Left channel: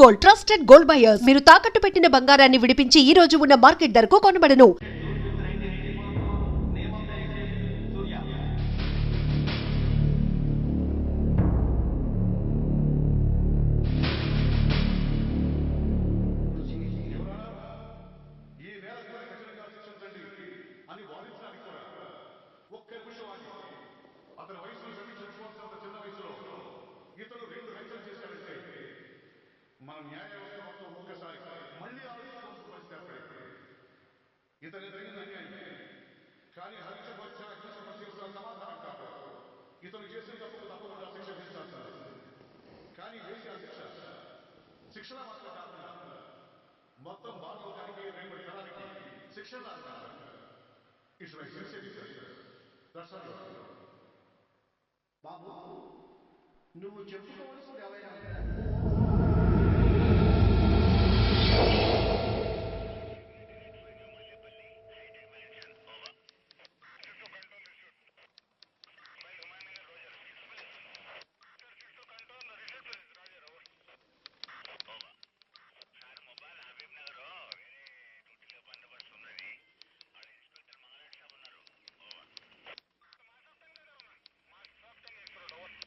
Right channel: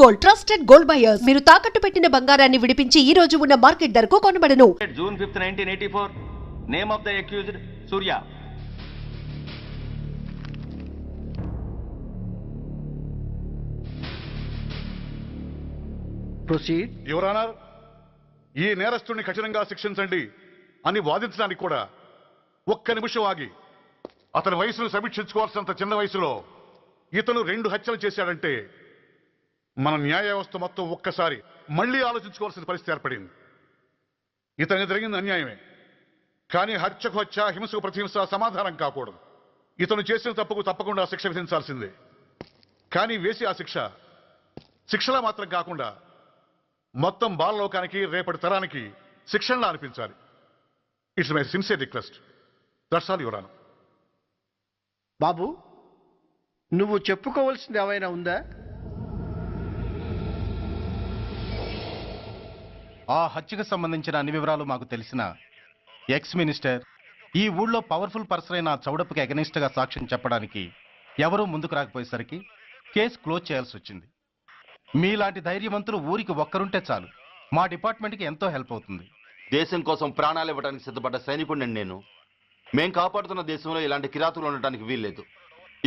Gold trusted gold buyers మీరు తాకట్టు పెట్టిన బంగారాన్ని విడిపించి ఈ రోజు ఉన్న మార్కెట్ ధరకు కొనబడను. June 5th, 1984. Name of the accused Surya. Proceed. Your honour, ఈ నేరస్తుడిని కఠినంగా శిక్షించండి అని వాదించడానికి కూడా ఒక్క నిమిషం ఆగి అతని వయసును సమీక్షించుకోవాల్సినంత చిన్న వయసులో ఇతను 2 హత్యలు చేశాడంటే మన న్యాయ వ్యవస్థ మొత్తం ఒక్కసారి మళ్లీ ఆలోచించుకోవాల్సిన పరిస్థితి ఏర్పడింది. ఇతనికి జరిగింది అన్యాయమే, కానీ హత్యకు హత్య, హింసకు ప్రతిహింస సమాధానం కాకూడదు. ఇతను చేసిన తప్పుకు తప్పకుండా శిక్ష విధించాల్సిందే. కానీ వేసి ఆ శిక్షలా మాత్రం కాకుండా మొత్తం బాలలోకానికి, రేపటి తరానికి శిక్షణలా అనిపించాలి. It's my sincere request. That's all your honour. బాబు, నువ్వు చెప్పుకోవాల్సింది ఏమైనా ఉందా? ఆ హత్యకు సంబంధించిన అన్ని వివరాలు మాకు తెలిసిన ఎక్స్ మినిస్టర్ ఈ ఊళ్ళో పవర్ఫుల్ పర్సన్ అయిన చౌడప్పకి అగెనిస్ట్ గా సాక్ష్యం చెప్పడానికి ఎవరూ ముందుకు రాకపోయేసరికి కేసు క్లోజ్ చేయాల్సి వచ్చింది. మీలాంటి ధైర్యవంతులు ఊరికి ఒక్కరుంటే చాలు, మా డిపార్ట్మెంట్కి ఎంతో హెల్ప్ అవుతుంది. దేశం కోసం ప్రాణాలు ఇవ్వడానికి సిద్ధపడ్డ సైనికుడిని నేను. మేం కాపాడుతున్న దేశంలో ఇలాంటి కిరాతులు ఉండటానికి వీల్లేదు.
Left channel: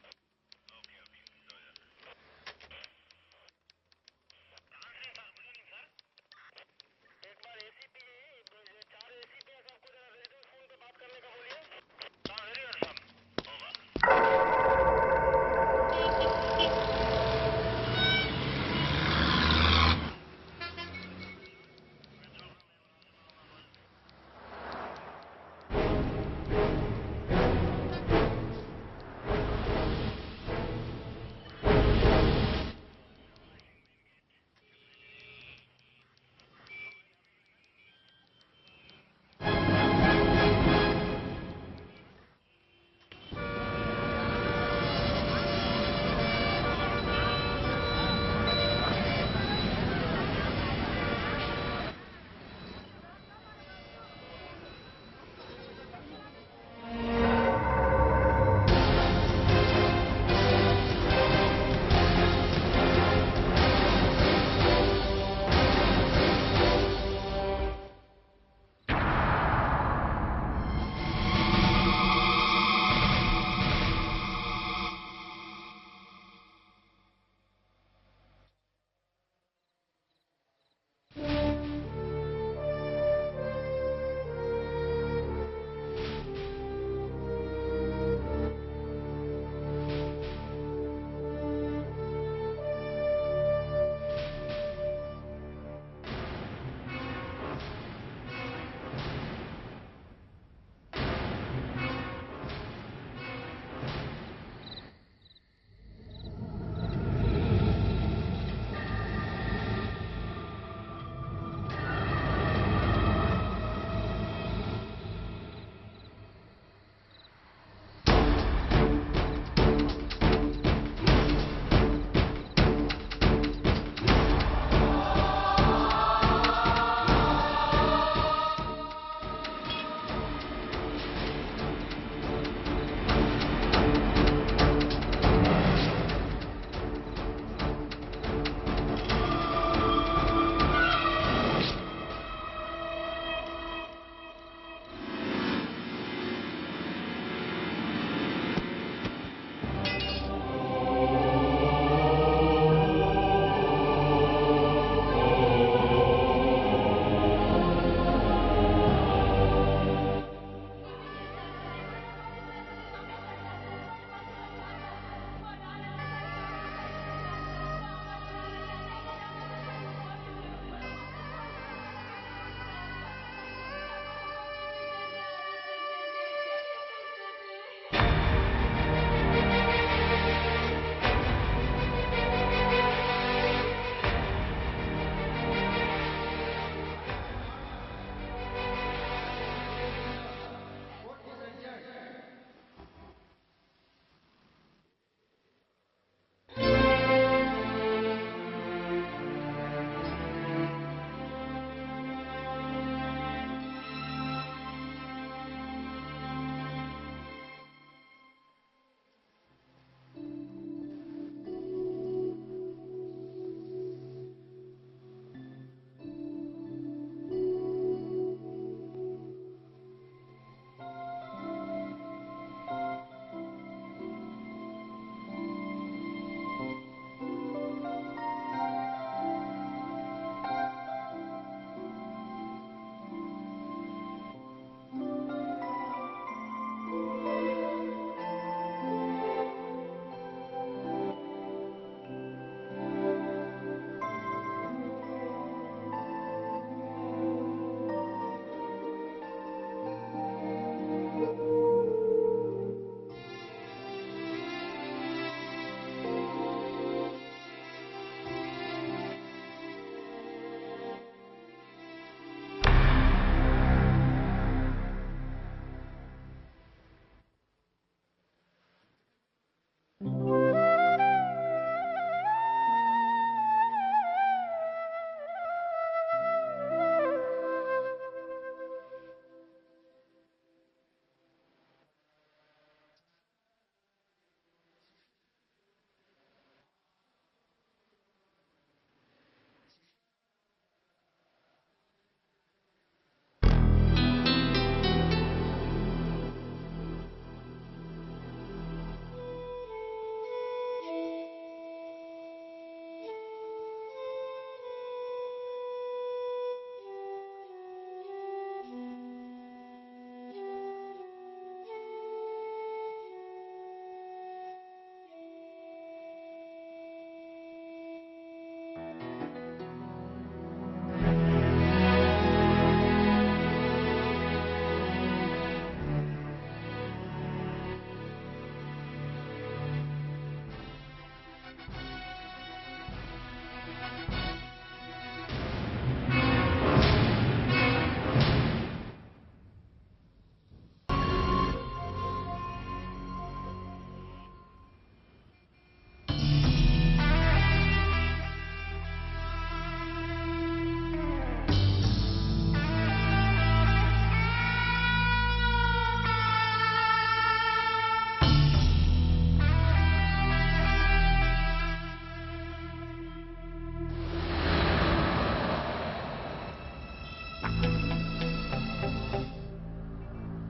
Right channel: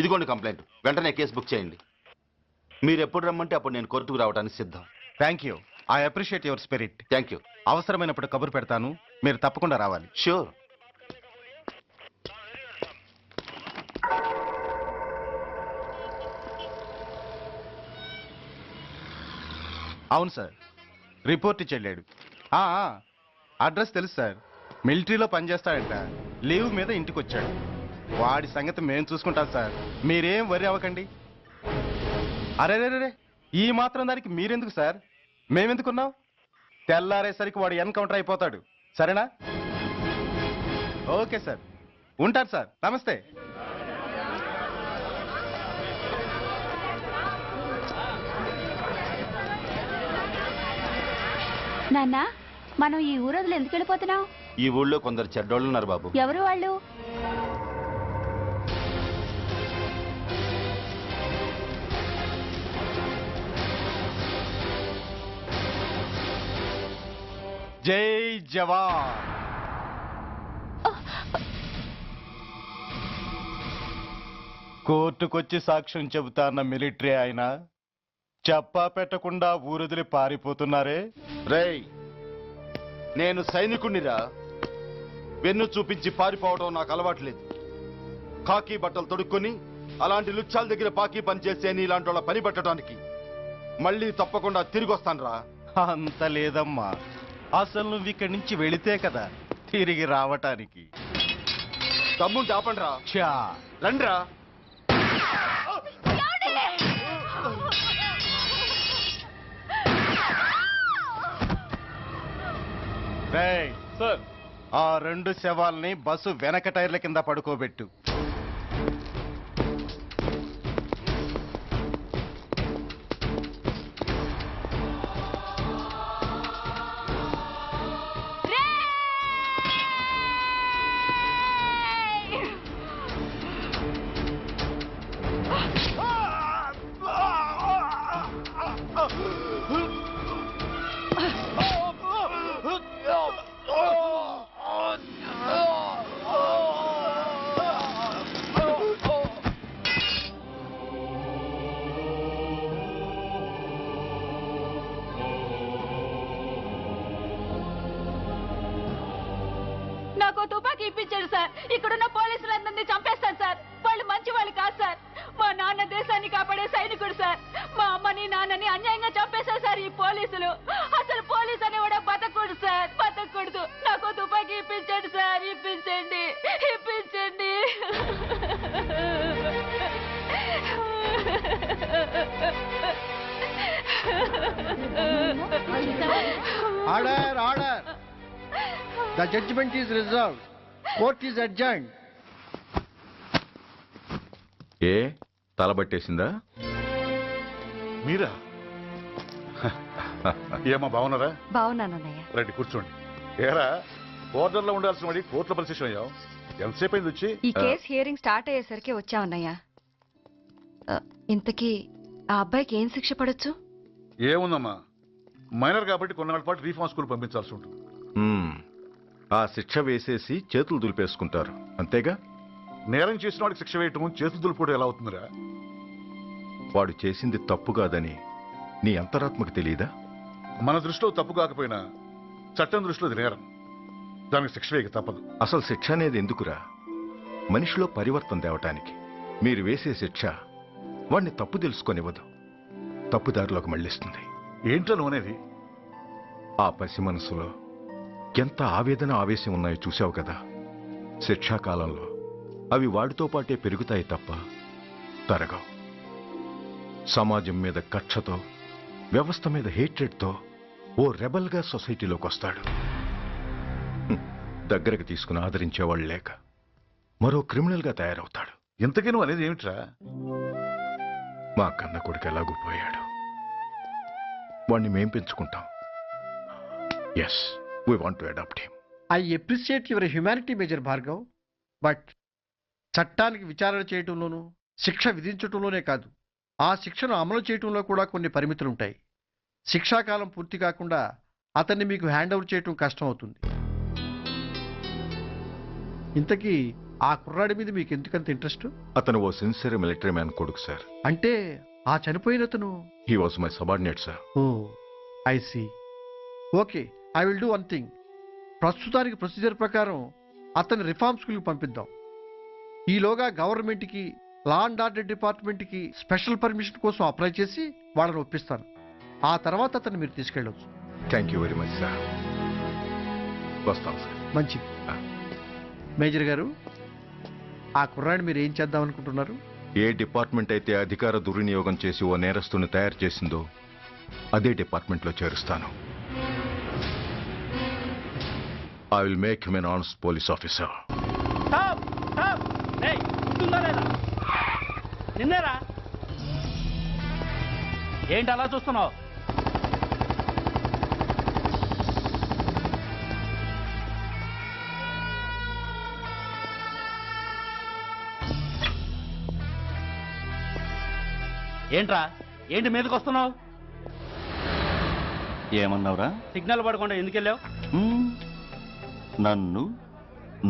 ఇదిగోండి కంప్లైంట్, వెంటనే కేసు బుక్ చేయండి. మీరు ఎప్పుడు రమ్మంటే అప్పుడు నేను కోర్టుకు రావడానికి సిద్ధం. Thank you, I appreciate your spirit. Thank you. అవసరమైనప్పుడు కబురు పెడతాను, మీరు తప్పకుండా రావాలి. షూర్. అవును సార్, రిపోర్ట్ ఇచ్చి వెళ్ళాడు. అడ్రస్ తెలుసు సార్, మిలిటరీలో పనిచేస్తాడట. లీవ్ మీద ఇంటికి వచ్చాడు. వాడి సంగతి మేము చూసుకుంటాం సార్, మీరేం వరి అవ్వకండి. అరే, ఈ మాత్రం దానికి మీరెందుకు సార్, మేమెందుకున్నాం? తెల్లారేసరికి వాడు ఎన్కౌంటర్ అయిపోతాడు. సరేనా? ఓకే సార్, ఉంటారు సార్. నమస్తే. నాన్న, మనం ఈ ఊరొదిలి ఎందుకు వెళ్ళిపోతున్నాం? ఈ ఊళ్ళో కొందరు చెడ్డోళ్ళు ఉన్నారు బాబు. ఎవరు వాళ్ళు? జై జవాన్. కోర్టుకొచ్చి సాక్ష్యం చెబుతా అన్న మిలిటరీ ఆయన చెప్పా పెట్టకుండా ఊరొదిలి పారిపోతున్నారే. రేయ్, నేను సైనికుణ్ణిరా. వెన్ను చూపించి పారిపోవడం నాకు అలవాట్లేదు. కాకి బట్టలు తొడుక్కొని అలాంటి లుచ్చాల దగ్గర పాకి పని చేసే ఇలాంటి వాళ్ళ పని పెట్టడానికి మళ్ళీ తప్పకుండా తిరిగి వస్తానురా. అంత లేదమ్మా, అసలు నువ్వు ఇక్కడి నుంచి వెళితే కదా తిరిగి రావటానికి. తమ్ముంటే ఆపండిరా. ఛా, రండిరా. రేయ్, ఆ 2 శవాల్ని బస్సు వెనక టైర్ల కింద పడుకోబెట్టు. ఇక్కడున్న పోలీసులందరినీ చంపేస్తారు సార్. వాళ్ళు మంచి వాళ్ళు కాదు సార్. మా నాన్న దేశాన్ని కాపాడే సైనికుడు సార్. మా అమ్మని నాన్నని అన్యాయంగా చంపేశారు సార్ ఈ పోలీసులు. అసలు పోలీసు అని కూడా బతకూడదు సార్, బతకూడదు. నాకు తుపాకీ ఇప్పించండి సార్, ఇప్పించండి. Order. The judgment is reserved. Court is adjourned. ఏ తలబట్టేసిందా? మీరా? ఏమా బాగున్నారా? బాగున్నానన్నయ్య. రండి కూర్చోండి. ఏరా, బోర్డర్లో ఉండాల్సిన వాడి కోర్టులో పరిశీలన అయ్యావు. ఎంతసేపు అయింది వచ్చి? ఈ కేసు హియరింగ్ స్టార్ట్ అయ్యేసరికి వచ్చావన్నయ్య. ఇంతకీ ఆ అబ్బాయికి ఏం శిక్ష పడొచ్చు? ఏముందమ్మా, మైనర్ కాబట్టి కొన్నాళ్ళ పాటు రీఫార్మ్ స్కూల్ పంపించాల్సి ఉంటుంది. ఆ శిక్ష వేసేసి చేతులు దులిపేసుకుంటారు అంతేగా? నేరం చేసిన వాడికి శిక్ష వేయటం చేతులు దులుపుకోవడం ఎలా అవుతుందిరా? వాడు చేసింది తప్పు కాదని నీ అంతరాత్మకు తెలియదా? మన దృష్టిలో తప్పు కాకపోయినా చట్టం దృష్టిలో అది నేరం. దానికి శిక్ష వేయక తప్పదు. అసలు శిక్ష అనేది ఎందుకురా? మనిషిలో పరివర్తన తేవటానికి. మీరు వేసే శిక్ష వాడిని తప్పు తెలుసుకొనివ్వదు, తప్పుదారిలోకి మళ్ళిస్తుంది. ఏంటో నువ్వనేది? ఆ పసి మనసులో ఎంత ఆవేదన ఆవేశం ఉన్నాయో చూశావు కదా. శిక్షాకాలంలో అవి వాడితో పాటే పెరుగుతాయి తప్ప తరగవు. సమాజం మీద కక్షతో, వ్యవస్థ మీద హేట్రెడ్తో ఓ రెబల్గా సొసైటీలోకి వస్తాడు. దగ్గరకు తీసుకుని ఆదరించేవాళ్ళు లేక మరో క్రిమినల్గా తయారవుతాడు. ఇంతకీ నువ్వు అనేది ఏమిట్రా? మా కన్న కొడుకు ఎలాగూ పోయాడు, వాణ్ణి మేం పెంచుకుంటాం. Yes, we want to adopt him. I appreciate your humanity major Bhargav, but చట్టానికి విచారణ చేయటంలోనూ శిక్ష విధించటంలోనే కాదు, ఆ శిక్షను అమలు చేయటంలో కూడా కొన్ని పరిమితులు ఉంటాయి. శిక్షాకాలం పూర్తి కాకుండా అతన్ని మీకు హ్యాండ్ ఓవర్ చేయటం కష్టం అవుతుంది. ఇంతకీ ఆ కుర్రాడి మీద మీకు ఎందుకంత ఇంట్రెస్ట్? అతను ఓ సిన్సియర్ మిలిటరీ మ్యాన్ కొడుకు సార్. అంటే ఆ చనిపోయిన అతను? He was my subordinate sir. Oh I see. Okay, I will do one thing. ప్రస్తుతానికి ప్రొసీజర్ ప్రకారం అతన్ని రిఫార్మ్ స్కూల్కి పంపిద్దాం. ఈలోగా గవర్నమెంట్కి, లా అండ్ ఆర్డర్ డిపార్ట్మెంట్కి స్పెషల్ పర్మిషన్ కోసం అప్లై చేసి వాళ్ళని ఒప్పిస్తాను. ఆ తర్వాత అతన్ని మీరు తీసుకెళ్ళవచ్చు. Thank you very much sir. వస్తాం సార్. మంచిది. మేజర్ గారు, ఆ కుర్రాడిని మీరు ఏం చేద్దాం అనుకుంటున్నారు? ఏ డిపార్ట్మెంట్ అయితే అధికార దుర్వినియోగం చేసి ఓ నేరస్తుని తయారు చేసిందో అదే డిపార్ట్మెంట్లో చేరుస్తాను. I will make him an honest police officer. నిన్నేరా ఏంటి అలా చూస్తున్నావు? ఏంట్రా, ఏంటి మీదకి వస్తున్నావు? ఏమన్నావురా? సిగ్నల్ పడకుండా ఎందుకు వెళ్ళావు? నన్ను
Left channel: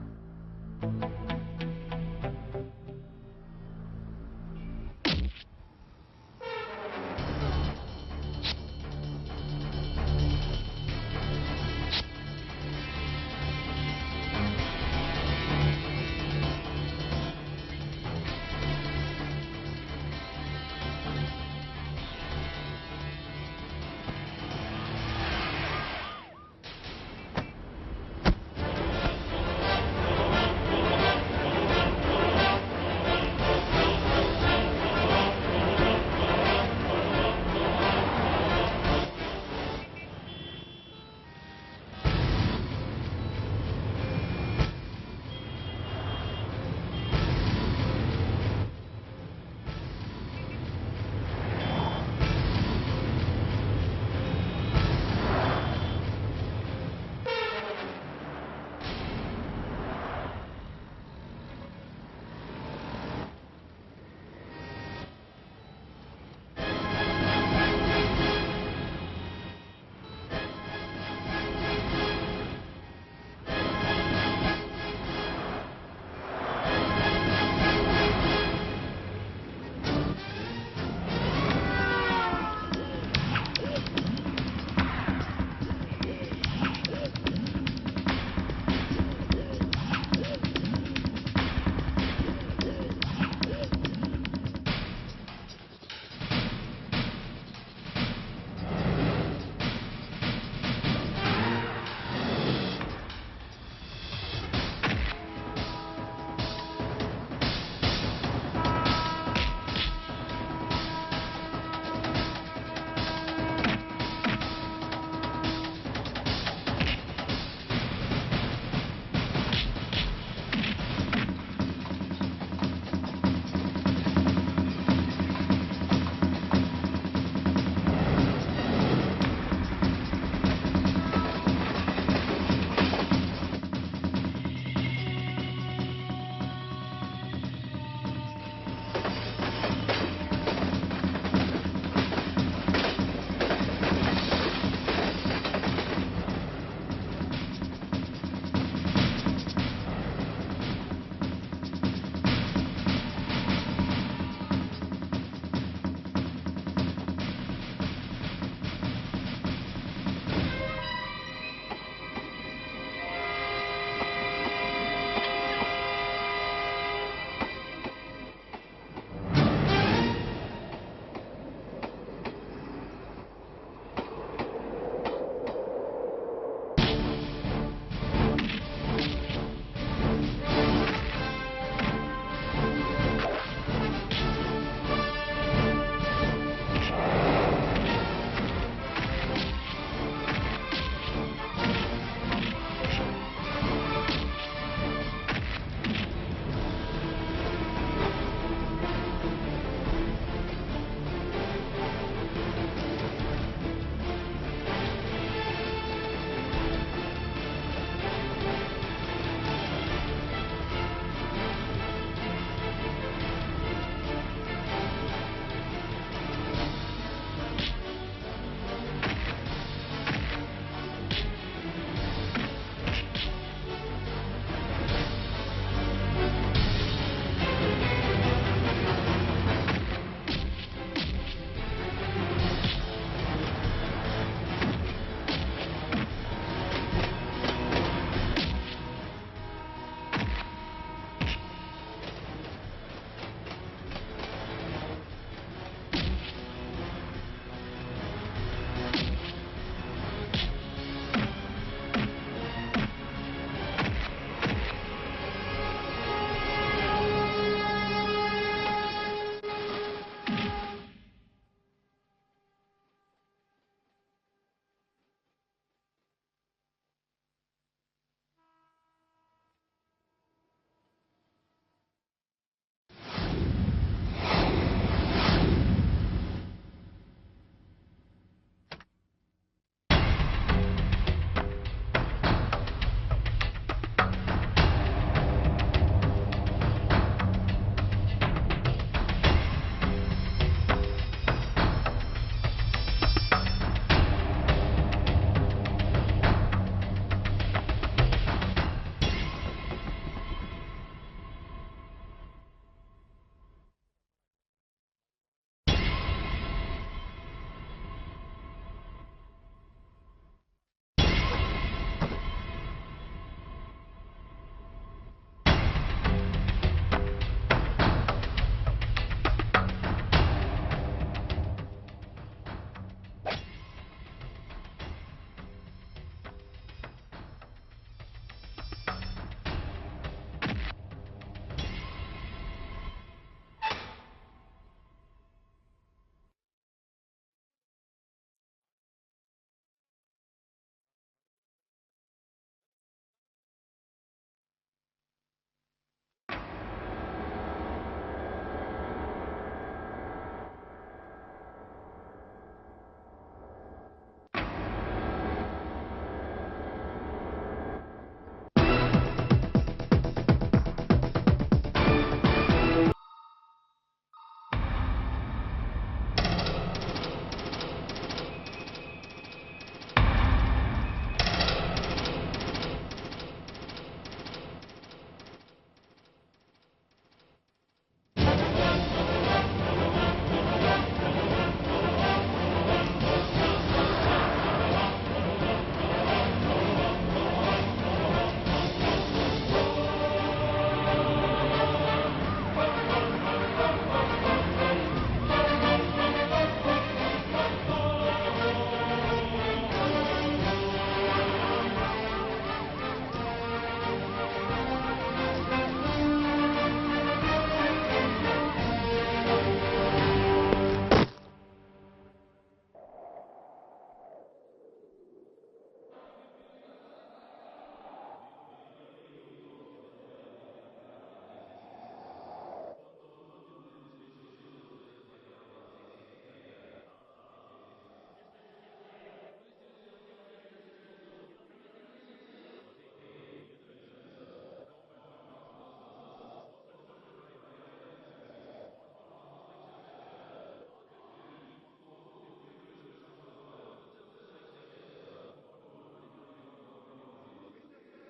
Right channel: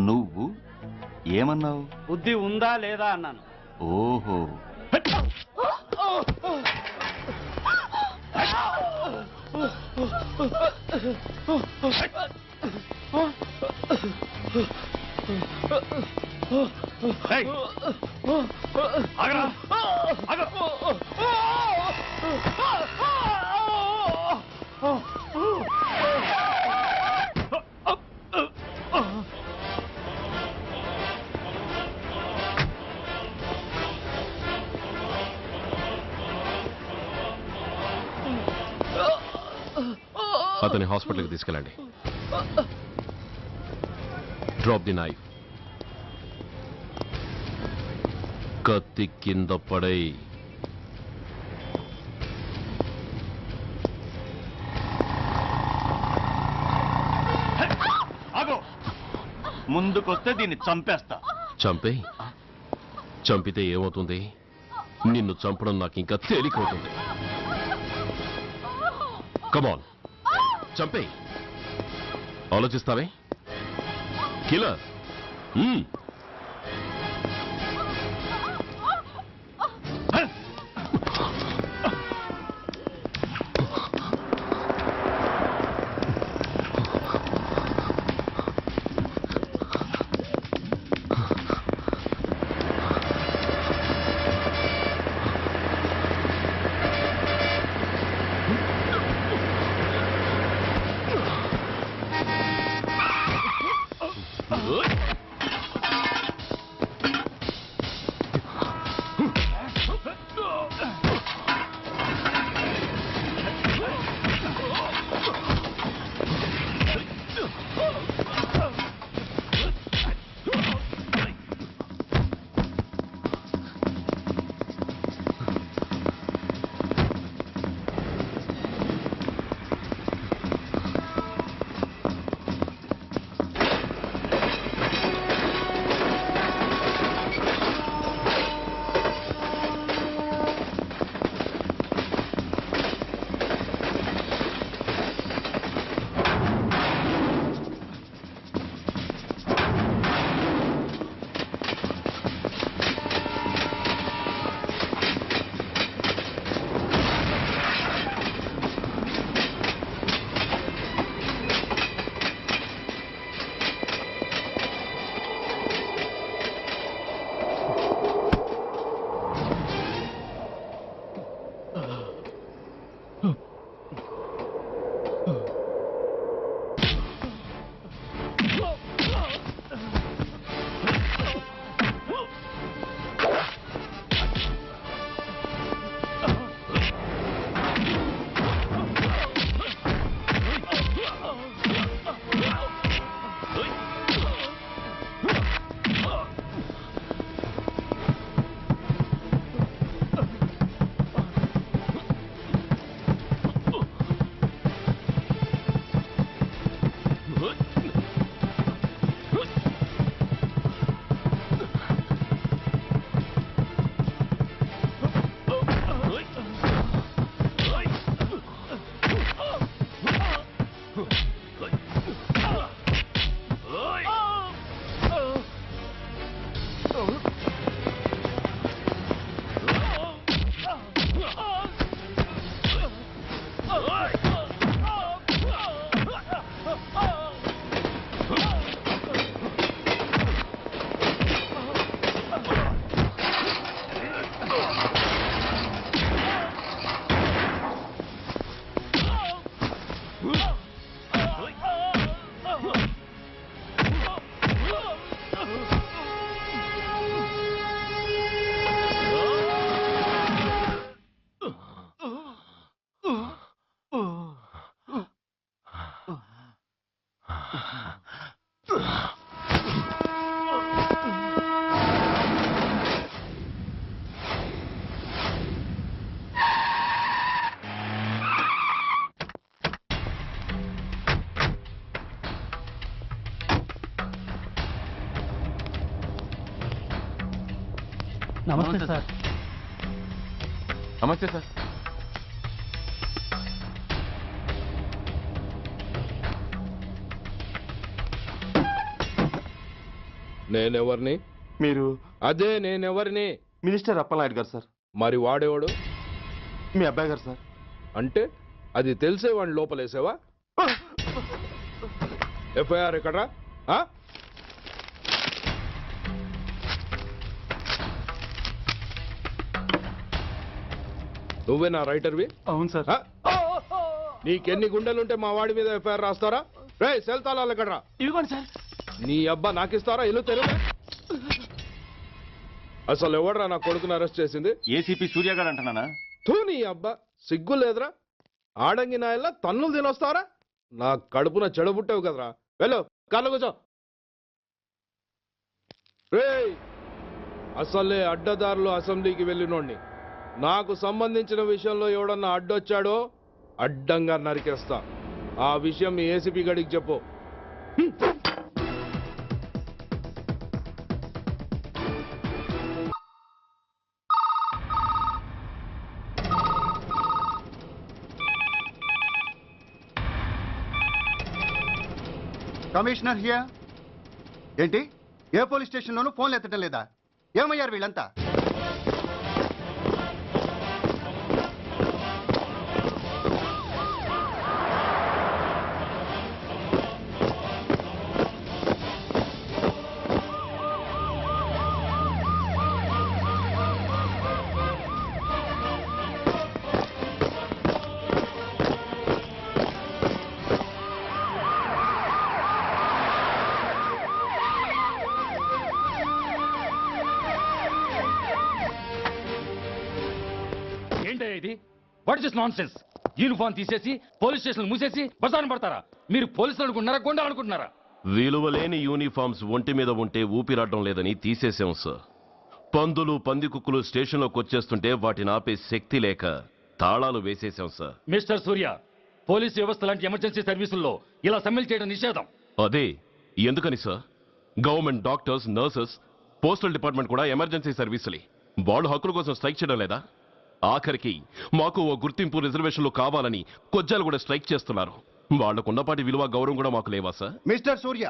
నువ్వు ఏమన్నావు? బుద్ధి ఉందా లేదా అన్నాను. ఓహో, అతని హాస్పిటల్కి తీసుకెళ్ళండి. Drop the knife. కత్తి కింద పడై. ముందుకొస్తే దీన్ని చంపేస్తా. చంపే. చంపితే ఏమవుతుంది? నిన్ను చంపడం నాకు ఇంకా తేలికవుతుంది. కమాన్, చంపే. ఆలోచిస్తావే కిల్లర్? నమస్తే సార్. నమస్తే సార్. నేనెవరిని? మీరు అదే నేనెవరిని? మినిస్టర్ అప్పలనాయుడు గారు సార్. మరి వాడేవాడు? మీ అబ్బాయి గారు సార్. అంటే అది తెలిసే వాడిని లోపలేసావా? ఎఫ్ఐఆర్ ఎక్కడ్రా? నువ్వే నా రైటర్వి? అవును సార్. నీకెన్ని గుండెలుంటే మా వాడి మీద ఎఫ్ఐఆర్ రాస్తారా? రే సెల్ తాళాలు ఎక్కడ్రా? ఇదిగోండి సార్. నీ అబ్బా నాకిస్తారా? ఇల్లు తెరువు. అసలు ఎవడ్రా నా కొడుకుని అరెస్ట్ చేసింది? ఏసీపీ సూర్య గారు అంటున్నానా? తూ నీ అబ్బా సిగ్గు లేదురా? ఆడంగి నాయల్లా తన్నులు తినొస్తారా? నా కడుపున చెడబుట్టావు కదరా. వెళ్ళు కార్లో కూర్చో. రే అసలే అడ్డదారులు అసెంబ్లీకి వెళ్ళినోండి. నాకు సంబంధించిన విషయంలో ఎవడన్నా అడ్డొచ్చాడో అడ్డంగా నరికేస్తా. ఆ విషయం మీ ఏసీపీ గడికి చెప్పు. Commissioner here. ఏంటి ఏ పోలీస్ స్టేషన్లోనూ ఫోన్లు ఎత్తడం లేదా? ఏమయ్యారు వీళ్ళంతా? What is nonsense? యూనిఫామ్ తీసేసి పోలీస్ స్టేషన్ మూసేసి బజార్ను పడతారా? మీరు పోలీసులు అనుకుంటున్నారా, గుండాలు అనుకుంటున్నారా? విలువలేని యూనిఫామ్స్ ఒంటి మీద ఉంటే ఊపిరాడడం లేదని తీసేసాం సార్. పందులు పందికుక్కులు స్టేషన్లోకి వచ్చేస్తుంటే వాటిని ఆపే శక్తి లేక తాళాలు వేసేసాం సార్. మిస్టర్ సూర్య, పోలీసు వ్యవస్థ లాంటి ఎమర్జెన్సీ సర్వీసుల్లో ఇలా సమ్మెలు చేయడం నిషేధం. అదే ఎందుకని sir? Government doctors, nurses, postal department కూడా ఎమర్జెన్సీ సర్వీసులే. వాళ్ళు హక్కుల కోసం స్ట్రైక్ చేయడం లేదా? ఆఖరికి మాకు ఓ గుర్తింపు రిజర్వేషన్లు కావాలని కొజ్జాలు కూడా స్ట్రైక్ చేస్తున్నారు. వాళ్లకున్నపాటి విలువ గౌరవం కూడా మాకు లేవా sir? Mister Surya,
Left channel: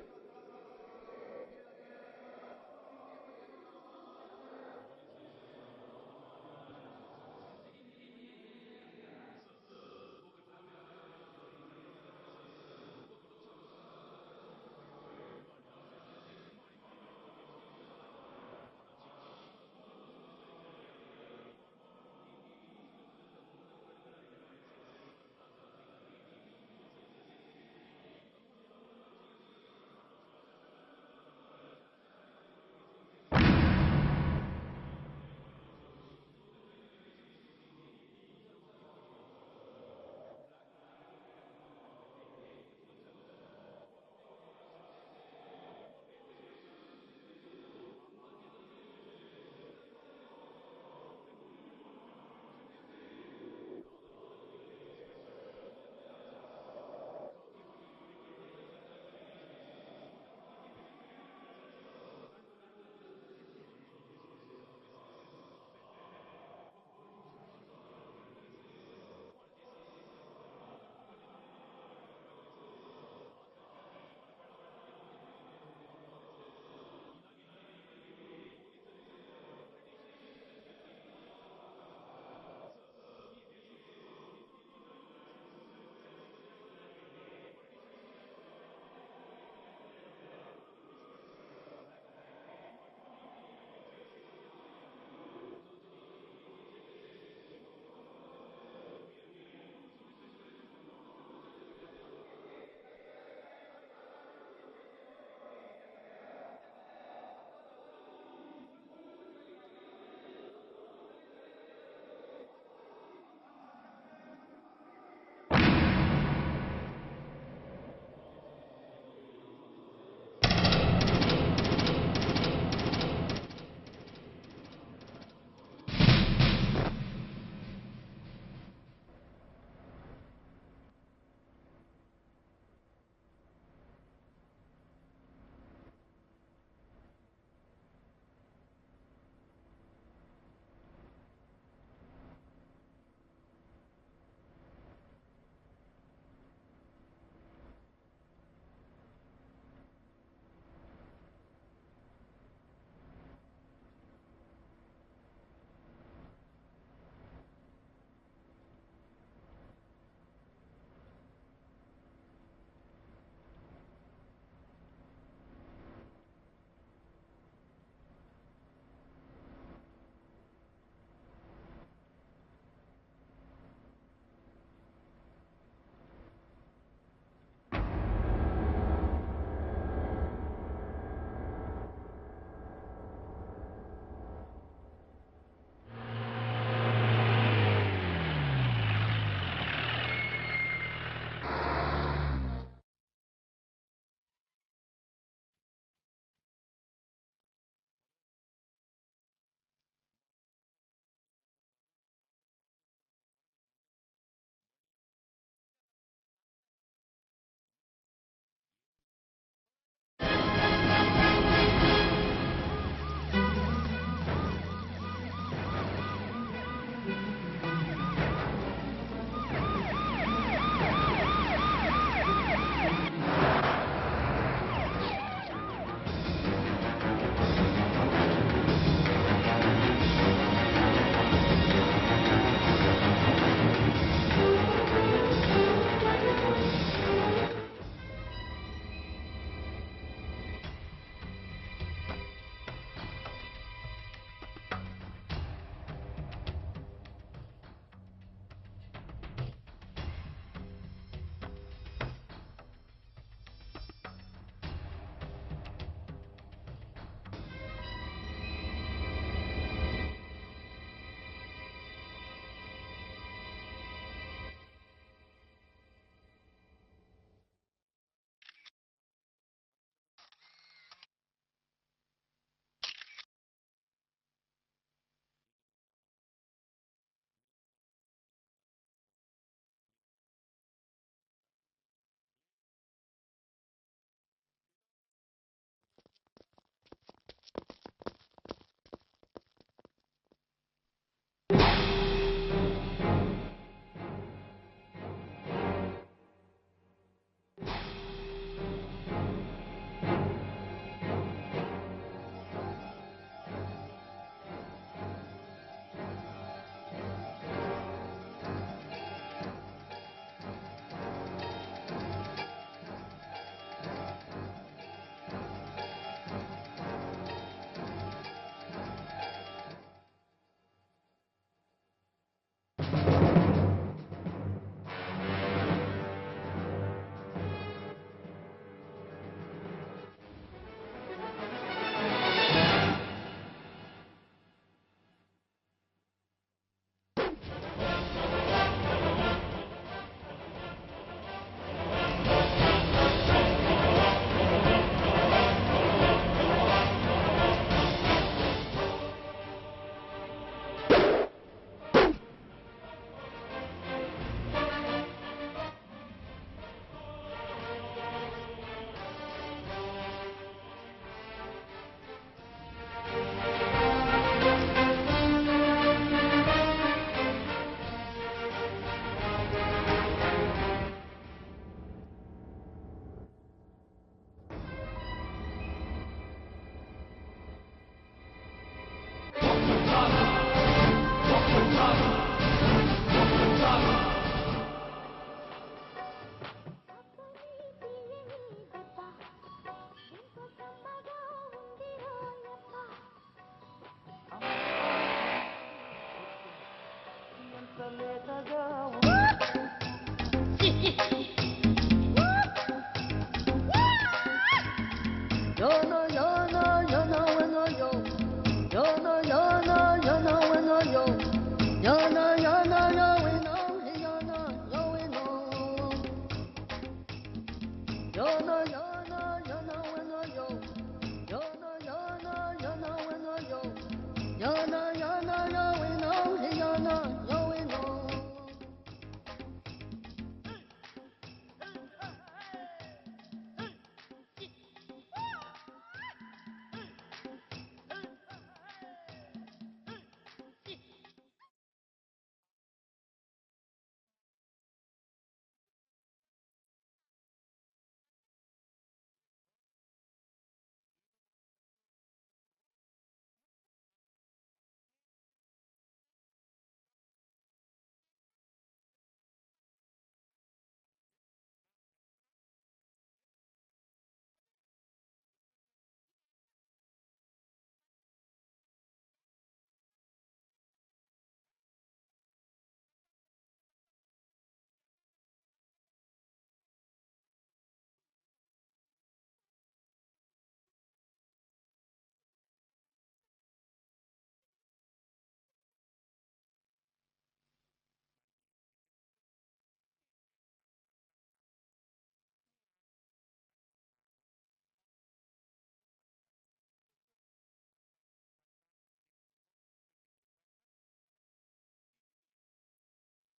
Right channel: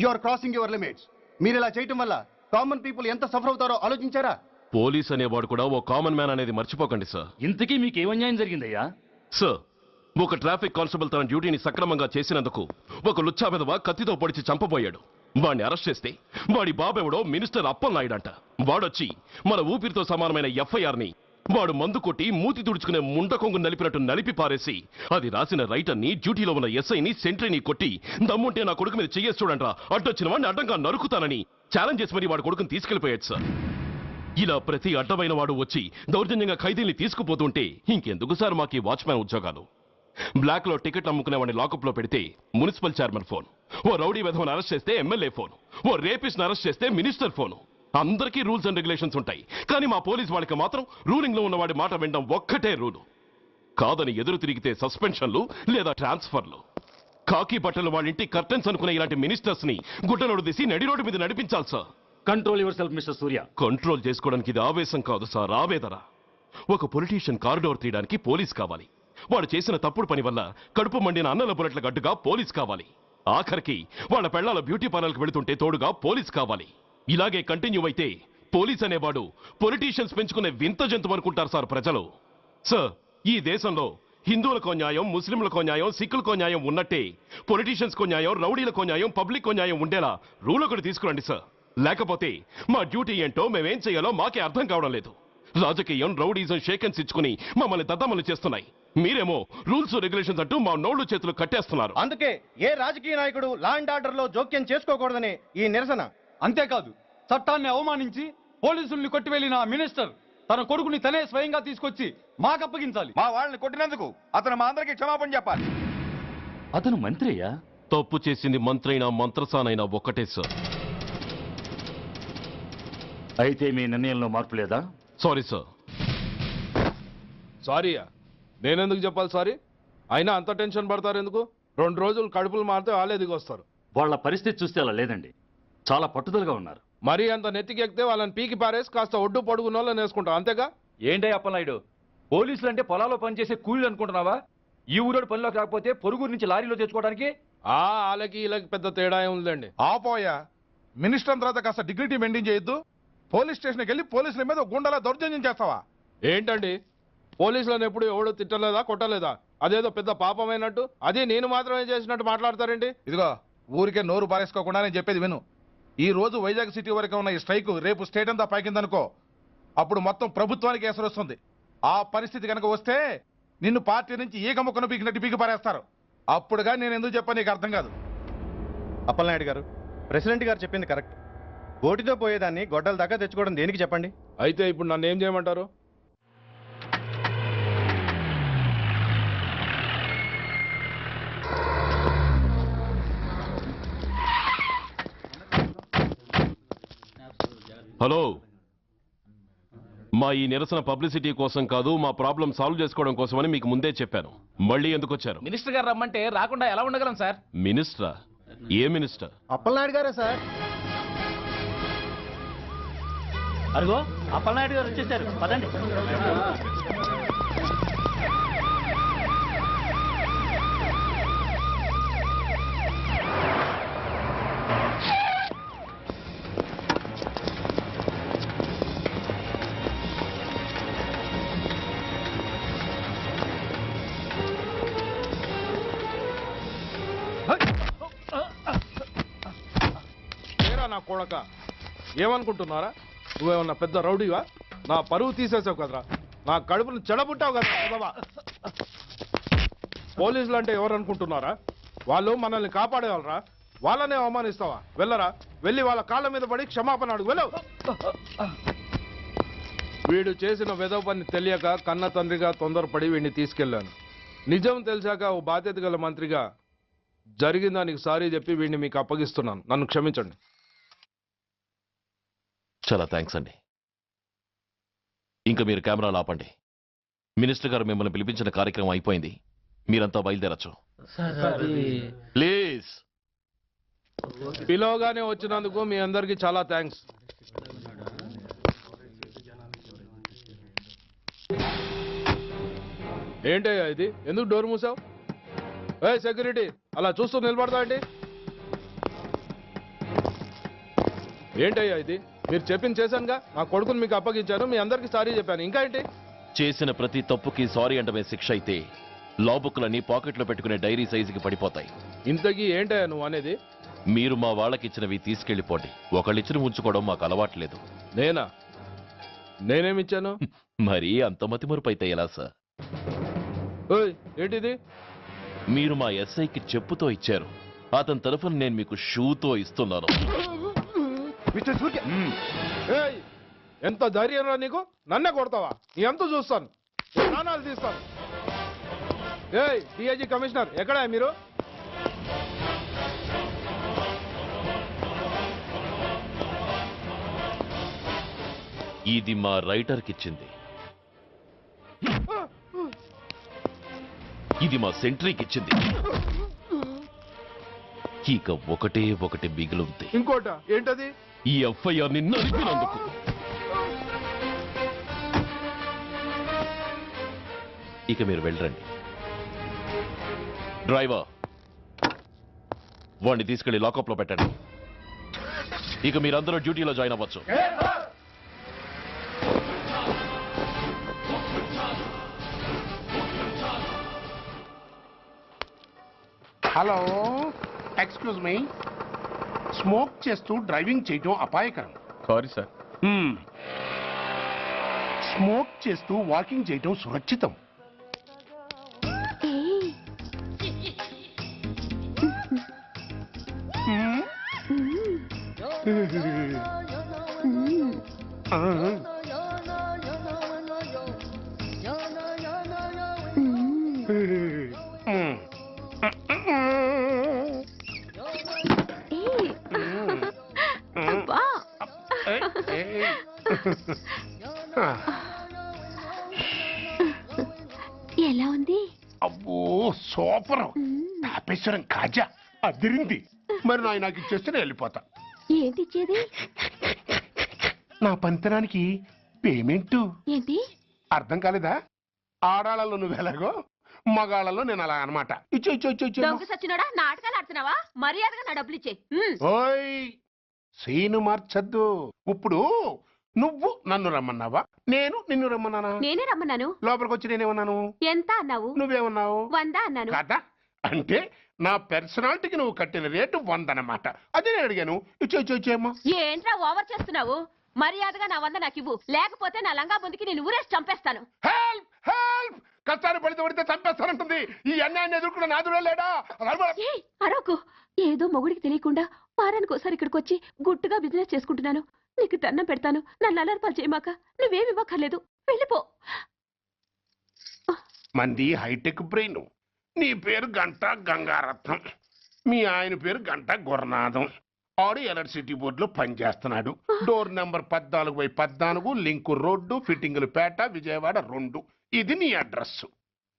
you are crossing your limits. మీరు ఇలా చేయటం వల్ల కామన్ పీపుల్ ఎంత సఫర్ అవుతారో ఆలోచించారా? పోలీస్ అనేవాడు కూడా ఓ కామన్ మ్యాన్ అనేది మర్చిపోకండి సార్. ఇంతకీ మీకు ఏమన్యాయం జరిగిందయ్యా? సార్, ఒక ట్రాఫిక్ కానిస్టేబుల్ తన డ్యూటీని సక్రమంగా చేసినందుకు ఒక లుచ్చా విధవ కత్తితో పొడిచి చంపబోయాడు. వాడిని అరెస్ట్ చేస్తే వాడి బాబెవడో మినిస్టర్ అప్పలనాయుడు అంట. వాడొచ్చి మన ఊపిరితో సమానమైన ఎఫ్ఐఆర్ ని వాడు మందు కొట్టి మూతి తుడుచుకునే ముండకొంగు నలిపినట్టు నలిపి పారేసి అది రాసిన రైటర్ని డ్యూటీలో ఉన్న ఎస్ఐని సెంట్రీని కొట్టి దమ్ముంటే నా కొడుకు మీద చెయ్యేసి చూడంట్రా అడ్డొచ్చిన వాడిని అడ్డంగా నరుకుతానని ఛాలెంజ్ చేసి మరి వాడు కొడుకుని తీసుకెళ్లిపోయాడు సార్. ఇలా ప్రతి అడ్డమైన వాడు వచ్చి దౌర్జన్యంగా ఖైదీల్ని తీసుకుపోతుంటే ఇంకెందుకు సార్ మాకు ఈ వాచ్మ్యాన్ ఉద్యోగాలు? బ్లాక్ లో టికెట్లు అమ్ముకునేవాడిని లాకప్ లో పెడితే మున్సిపల్ చైర్మన్ ఫోన్, ఓ రౌడీ విధవను అరెస్ట్ చేస్తే ఎమ్మెల్యే ఫోన్, ఓ రేపిస్ట్ అరెస్ట్ చేస్తే మినిస్టర్ ఫోన్. అందరికీ రూల్స్ అండ్ రెగ్యులేషన్స్ ఉంటాయి, కానీ మా పోలీస్ వాళ్ళకి మాత్రం రూలింగ్ లో ఉన్న వాడి మాట వినడం ఒక్కటే రూలు. కాదని ఎదురు తిరిగితే సస్పెన్షన్లు లేదా ట్రాన్స్ఫర్లు. కాకి బట్టలు వాళ్ళ ఇంటి కర్టెన్స్ అనుకునే ఇలాంటి మినిస్టర్స్ ని గుడ్డలోడు తీసి నడి రోడ్డు మీద నడిపించాలి sir. Control your self mister Surya. Control చేసుకోవడానికి ఇది ఆవేశం కాదు సార్, ఆవేదన. ఒక పొలిటీషియన్ కారిడోర్ తీయడానికి పోలీస్ కావాలి. వాడు చేసిన తప్పుడు పని వల్ల కడుపు మండిన అన్నల బుల్లెట్ల గడ్డుగా పోలీస్ కావాలి. ఆఖరికి వాళ్ళ పెళ్లాల బ్యూటీ పార్లర్కి వెళుతుంటే తోడుగా పోలీస్ కావాలి. ఇలాగే కంటిన్యూ అయితే పోలీస్ అనేవాడు పొలిటీషియన్స్ పెంచుకునే వింత జంతువు అనుకుంటారు సార్ ప్రజలు. సార్, ఈ దేశంలో హిందువులకో న్యాయం, ముస్లింలకో న్యాయం, సిక్కులకో న్యాయం ఉన్నట్టే పొలిటీషియన్స్కో న్యాయం, రౌడీలకో న్యాయం, పబ్లిక్కో న్యాయం ఉండేలా రూల్ ఒకటి తీసుకురండి సార్. లేకపోతే మా డ్యూటీ ఏంటో మేమేం చేయాలో మాకే అర్థం కావడం లేదు. రాజకీయం, రౌడీజం షేకెన్స్ ఇచ్చుకుని మమ్మల్ని దద్దమలు చేస్తున్నాయి. మీరేమో రూల్స్ రెగ్యులేషన్స్ అంటూ మా నోళ్లు చేతులు కట్టేస్తున్నారు. అందుకే ఏ రాజకీయ నాయకుడు లా అండ్ ఆర్డర్ లో జోక్యం చేసుకోకూడదని ఈ నిరసన. అంతేకాదు, చట్టాన్ని అవమానించి పోలీసుల్ని కొట్టివెళ్లిన మినిస్టర్ తన కొడుకుని తనే స్వయంగా తీసుకొచ్చి మాకు అప్పగించాలి. మా వాళ్ళని కొట్టినందుకు అతను మా అందరికీ క్షమాపణ చెప్పాలి. అతను మంత్రియా? తప్పు చేసింది మంత్రైనా మంత్రసానైనా ఒక్కటే సార్. అయితే మీ నిర్ణయంలో మార్పు లేదా? Sorry sir. సారీయా? నేనెందుకు చెప్పాలి సారీ? అయినా అంత టెన్షన్ పడతారు ఎందుకు? 2 రోజులు కడుపులు మారితే వాళ్ళే దిగొస్తారు. వాళ్ళ పరిస్థితి చూస్తే అలా లేదండి, చాలా పట్టుదలగా ఉన్నారు. మరీ అంత నెత్తికెక్కితే వాళ్ళని పీకి పారేసి కాస్త ఒడ్డు పొడుగున్న వాళ్ళని వేసుకుంటాం, అంతేగా? ఏంటి అప్పలనాయుడు, పోలీసులు అంటే పొలాల్లో పనిచేసే కూలీలు అనుకుంటున్నావా? ఈ ఊరోడు పనిలోకి రాకపోతే పొరుగురు నుంచి లారీలో తెచ్చుకోవడానికి వాళ్ళకి వీళ్ళకి పెద్ద తేడా ఉందండి. ఆపోయా, మినిస్టర్ తర్వాత కాస్త డిగ్నిటీ మెయింటైన్ చేయొద్దు. పోలీస్ స్టేషన్కి వెళ్ళి పోలీసుల మీద గుండాల దౌర్జన్యం చేస్తావా? ఏంటండి, పోలీసులను ఎప్పుడు ఎవడు తిట్టలేదా, కొట్టలేదా? అదేదో పెద్ద పాపమైనట్టు, అదే నేను మాత్రమే చేసినట్టు మాట్లాడతారేంటి? ఇదిగో, ఊరికే నోరు పారేసుకోకుండా నేను చెప్పేది విను. ఈ రోజు వైజాగ్ సిటీ వరకు ఉన్న ఈ స్ట్రైక్ రేపు స్టేట్ అంతా పైకిందనుకో, అప్పుడు మొత్తం ప్రభుత్వానికి ఎసరు వస్తుంది. ఆ పరిస్థితి కనుక వస్తే నిన్ను పార్టీ నుంచి ఈగ ముక్కను పీకినట్టు పీకి పారేస్తారు. అప్పుడుగా నేను ఎందుకు చెప్పాను నీకు అర్థం కాదు. అప్పలనాయుడు గారు, ప్రెసిడెంట్ గారు చెప్పింది కరెక్ట్. ఓటితో పోయేదాన్ని గొడ్డల దాకా తెచ్చుకోవడం దేనికి చెప్పండి? అయితే ఇప్పుడు నన్ను ఏం చేయమంటారు? హలో, మా ఈ నిరసన పబ్లిసిటీ కోసం కాదు, మా ప్రాబ్లం సాల్వ్ చేసుకోవడం కోసమని మీకు ముందే చెప్పాను. మళ్ళీ ఎందుకు వచ్చారు? మినిస్టర్ గారు రమ్మంటే రాకుండా ఎలా ఉండగలం సార్? మినిస్టరా? ఏ మినిస్టర్? అప్పలనాయుడు గారే సార్. అదిగో అప్పలనాయుడు గారు వచ్చేసారు, పదండి. కొడక, ఏమనుకుంటున్నారా? నువ్వేమన్నా పెద్ద రౌడీవా? నా పరువు తీసేసావు కదరా, నా కడుపును చెడబుట్టావు కదా. పోలీసులు అంటే ఎవరు అనుకుంటున్నారా? వాళ్ళు మనల్ని కాపాడేవాళ్ళరా? వాళ్ళనే అవమానిస్తావా? వెళ్ళరా, వెళ్ళి వాళ్ళ కాళ్ళ మీద పడి క్షమాపణ అడుగు, వెళ్ళవు. వీడు చేసిన వెధవ పని తెలియక కన్న తండ్రిగా తొందరపడి వీడిని తీసుకెళ్లాను. నిజం తెలిసాక ఓ బాధ్యత గల మంత్రిగా జరిగిన దానికి సారీ చెప్పి వీడిని మీకు అప్పగిస్తున్నాను. నన్ను క్షమించండి. చాలా థ్యాంక్స్ అండి. ఇంకా మీరు కెమెరాలు ఆపండి. మినిస్టర్ గారు మిమ్మల్ని పిలిపించిన కార్యక్రమం అయిపోయింది, మీరంతా బయలుదేరచ్చు ప్లీజ్. పిలవగానే వచ్చినందుకు మీ అందరికీ చాలా థ్యాంక్స్. ఏంటయ్యా ఇది? ఎందుకు డోర్ మూసావు? ఏ సెక్యూరిటీ, అలా చూస్తూ నిలబడతా ఏంటి? ఏంటయ్యా ఇది? మీరు చెప్పింది చేశానుగా, నా కొడుకుని మీకు అప్పగించాను, మీ అందరికీ సారీ చెప్పాను, ఇంకా ఏంటి? చేసిన ప్రతి తప్పుకి సారీ అంటమే శిక్ష అయితే లా బుక్లన్నీ పాకెట్లో పెట్టుకునే డైరీ సైజుకి పడిపోతాయి. ఇంతకీ ఏంటయ్యా నువ్వు అనేది? మీరు మా వాళ్ళకిచ్చినవి తీసుకెళ్లిపోండి. ఒకళ్ళిచ్చిన ఉంచుకోవడం మాకు అలవాట్లేదు. నేనా? నేనేమిచ్చాను? మరి అంత మతిమరుపు అయితే ఎలా సార్? ఓయ్, ఏంటిది? మీరు మా ఎస్ఐకి చెప్పుతో ఇచ్చారు, అతని తరఫున నేను మీకు షూతో ఇస్తున్నాను. ఏయ్, ఎంత ధైర్యం రా నీకు? నన్నే కొడతావా? నీ ఎంత చూస్తాను, ప్రాణాలు తీస్తాను. ఏయ్, డిఐజీ కమిషనర్ ఎక్కడా మీరు? ఇది మా రైటర్కి ఇచ్చింది, ఇది మా సెంట్రీకి ఇచ్చింది. ఇక ఒకటి మిగిలింది. ఇంకోట ఏంటది? ఈ ఎఫ్ఐఆర్ ని నలిపినందుకు. ఇక మీరు వెళ్ళండి. డ్రైవర్, వాడిని తీసుకెళ్లి లాకప్ లో పెట్టండి. ఇక మీరందరూ డ్యూటీలో జాయిన్ అవ్వచ్చు. Hello, excuse me. స్మోక్ చేస్తూ డ్రైవింగ్ చేయటం అపాయకరం. Sorry sir. స్మోక్ చేస్తూ వాకింగ్ చేయటం సురక్షితం. ఎలా ఉంది? అబ్బో సూపర్. తాపేశ్వరం కాజా అదిరింది. మరి నాకు ఇచ్చేస్తే నేను వెళ్ళిపోతా. ఏంటి ఇచ్చేది? నా పంతనానికి పేమెంట్. ఏంటి అర్థం కాలేదా? ఆడాళ్ళలో నువ్వు ఎలాగో, మగాళ్ళలో నేను అలా అనమాట. దొంగ సచ్చినోడా, నాటకాలు ఆడుతున్నావా? మర్యాదగా నా డబ్బులు ఇచ్చే. ఓయ్, సీను మార్చద్దు. ఇప్పుడు నువ్వు నన్ను రమ్మన్నావా, నేను నిన్ను రమ్మన్నానా? నేనే రమ్మన్నాను. లోపలికి వచ్చి నేనేమన్నాను? ఎంత అన్నావు? నువ్వేమన్నావు? 100 అన్నాను. కదా, అంటే నా పర్సనాలిటీకి నువ్వు కట్టిన రేటు 100 అన్నమాట. అదే నేను అడిగాను. ఇచ్చేమ్మా. ఏంట్రా ఓవర్ చేస్తున్నావు? మర్యాదగా నా 100 నాకు ఇవ్వు, లేకపోతే నా లంగా ముందుకి నేను ఊరేసి చంపేస్తాను. Help help! కష్టాలు పడితే చంపేస్తానంటుంది. ఈ అన్యాయాన్ని ఎదుర్కొన్న నాదుడే లేడా? అరవకు. ఏదో మొగుడికి తెలియకుండా వారానికి ఒకసారి ఇక్కడికి వచ్చి గుట్టుగా బిజినెస్ చేసుకుంటున్నాను. నీకు దండం పెడతాను, నన్ను అలర్పాలు చేయమాక. నువ్వేమి ఇవ్వక్కర్లేదు, వెళ్ళిపో. మంది హైటెక్ బ్రెయిన్. నీ పేరు గంట గంగారత్నం, మీ ఆయన పేరు గంట గురనాథం. ఆడు ఎలక్ట్రిసిటీ బోర్డులో పనిచేస్తున్నాడు. డోర్ నెంబర్ 14/14, లింకు రోడ్డు, ఫిట్టింగులు పేట, విజయవాడ 2. ఇది నీ అడ్రస్.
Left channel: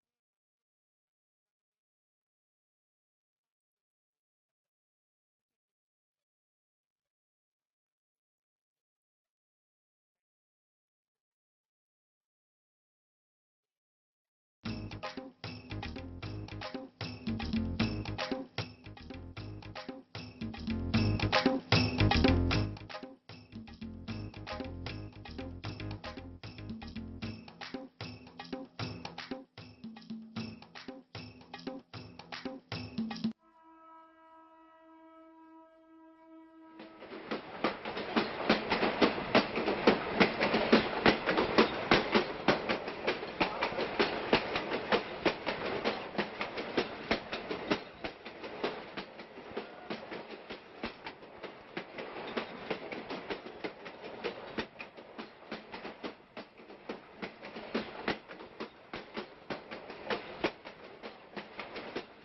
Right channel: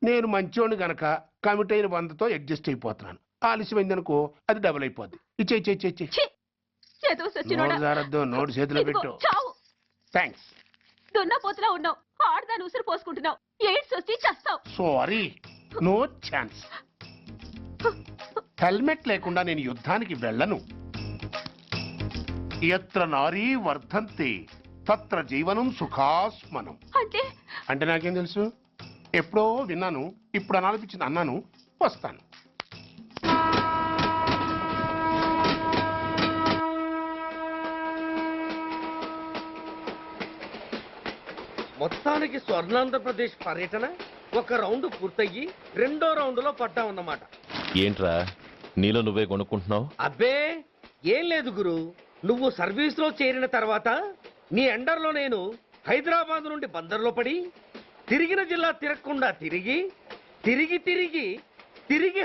నేను మంచోని గనక కమిట్ అయిన 100తో అడ్జస్ట్ అయిపోతున్నాను. ఆలస్యమైందనుకో అది డబుల్ అయిపోద్ది. నోటు చేతిలో పెట్టు. థ్యాంక్స్. దున్నపోతులా ఉన్నావు, ఆడదాని ఉసురు పోసుకుంటున్నావు. ఎయిడ్స్ వచ్చి చస్తావు. Sorry, no chance. హెల్మెట్ లేకుండా నేను యుద్ధానికి వెళ్ళను. ఎత్ర నారీ వర్ధంతి తత్ర జీవనం సుఖాస్మనం. అంటే నాకేం తెలుసు? ఎప్పుడో విన్నాను, ఇప్పుడు అనాలనిపించింది అన్నాను. వస్తాను. మొత్తానికి స్వర్ణాంధ్రప్రదేశ్ పర్యటన ఒక రౌండ్ పూర్తయ్యి 2వ రౌండ్లో పట్టామన్నమాట. ఏంట్రా నీలో నువ్వే కొనుక్కుంటున్నావు? అబ్బే ఏం లేదు గురు. నువ్వు సర్వీస్ లో చేరిన తర్వాత నీ అండర్లో నేను హైదరాబాద్ నుండి బందర్లో పడి తిరిగిన జిల్లా తిరగకుండా తిరిగి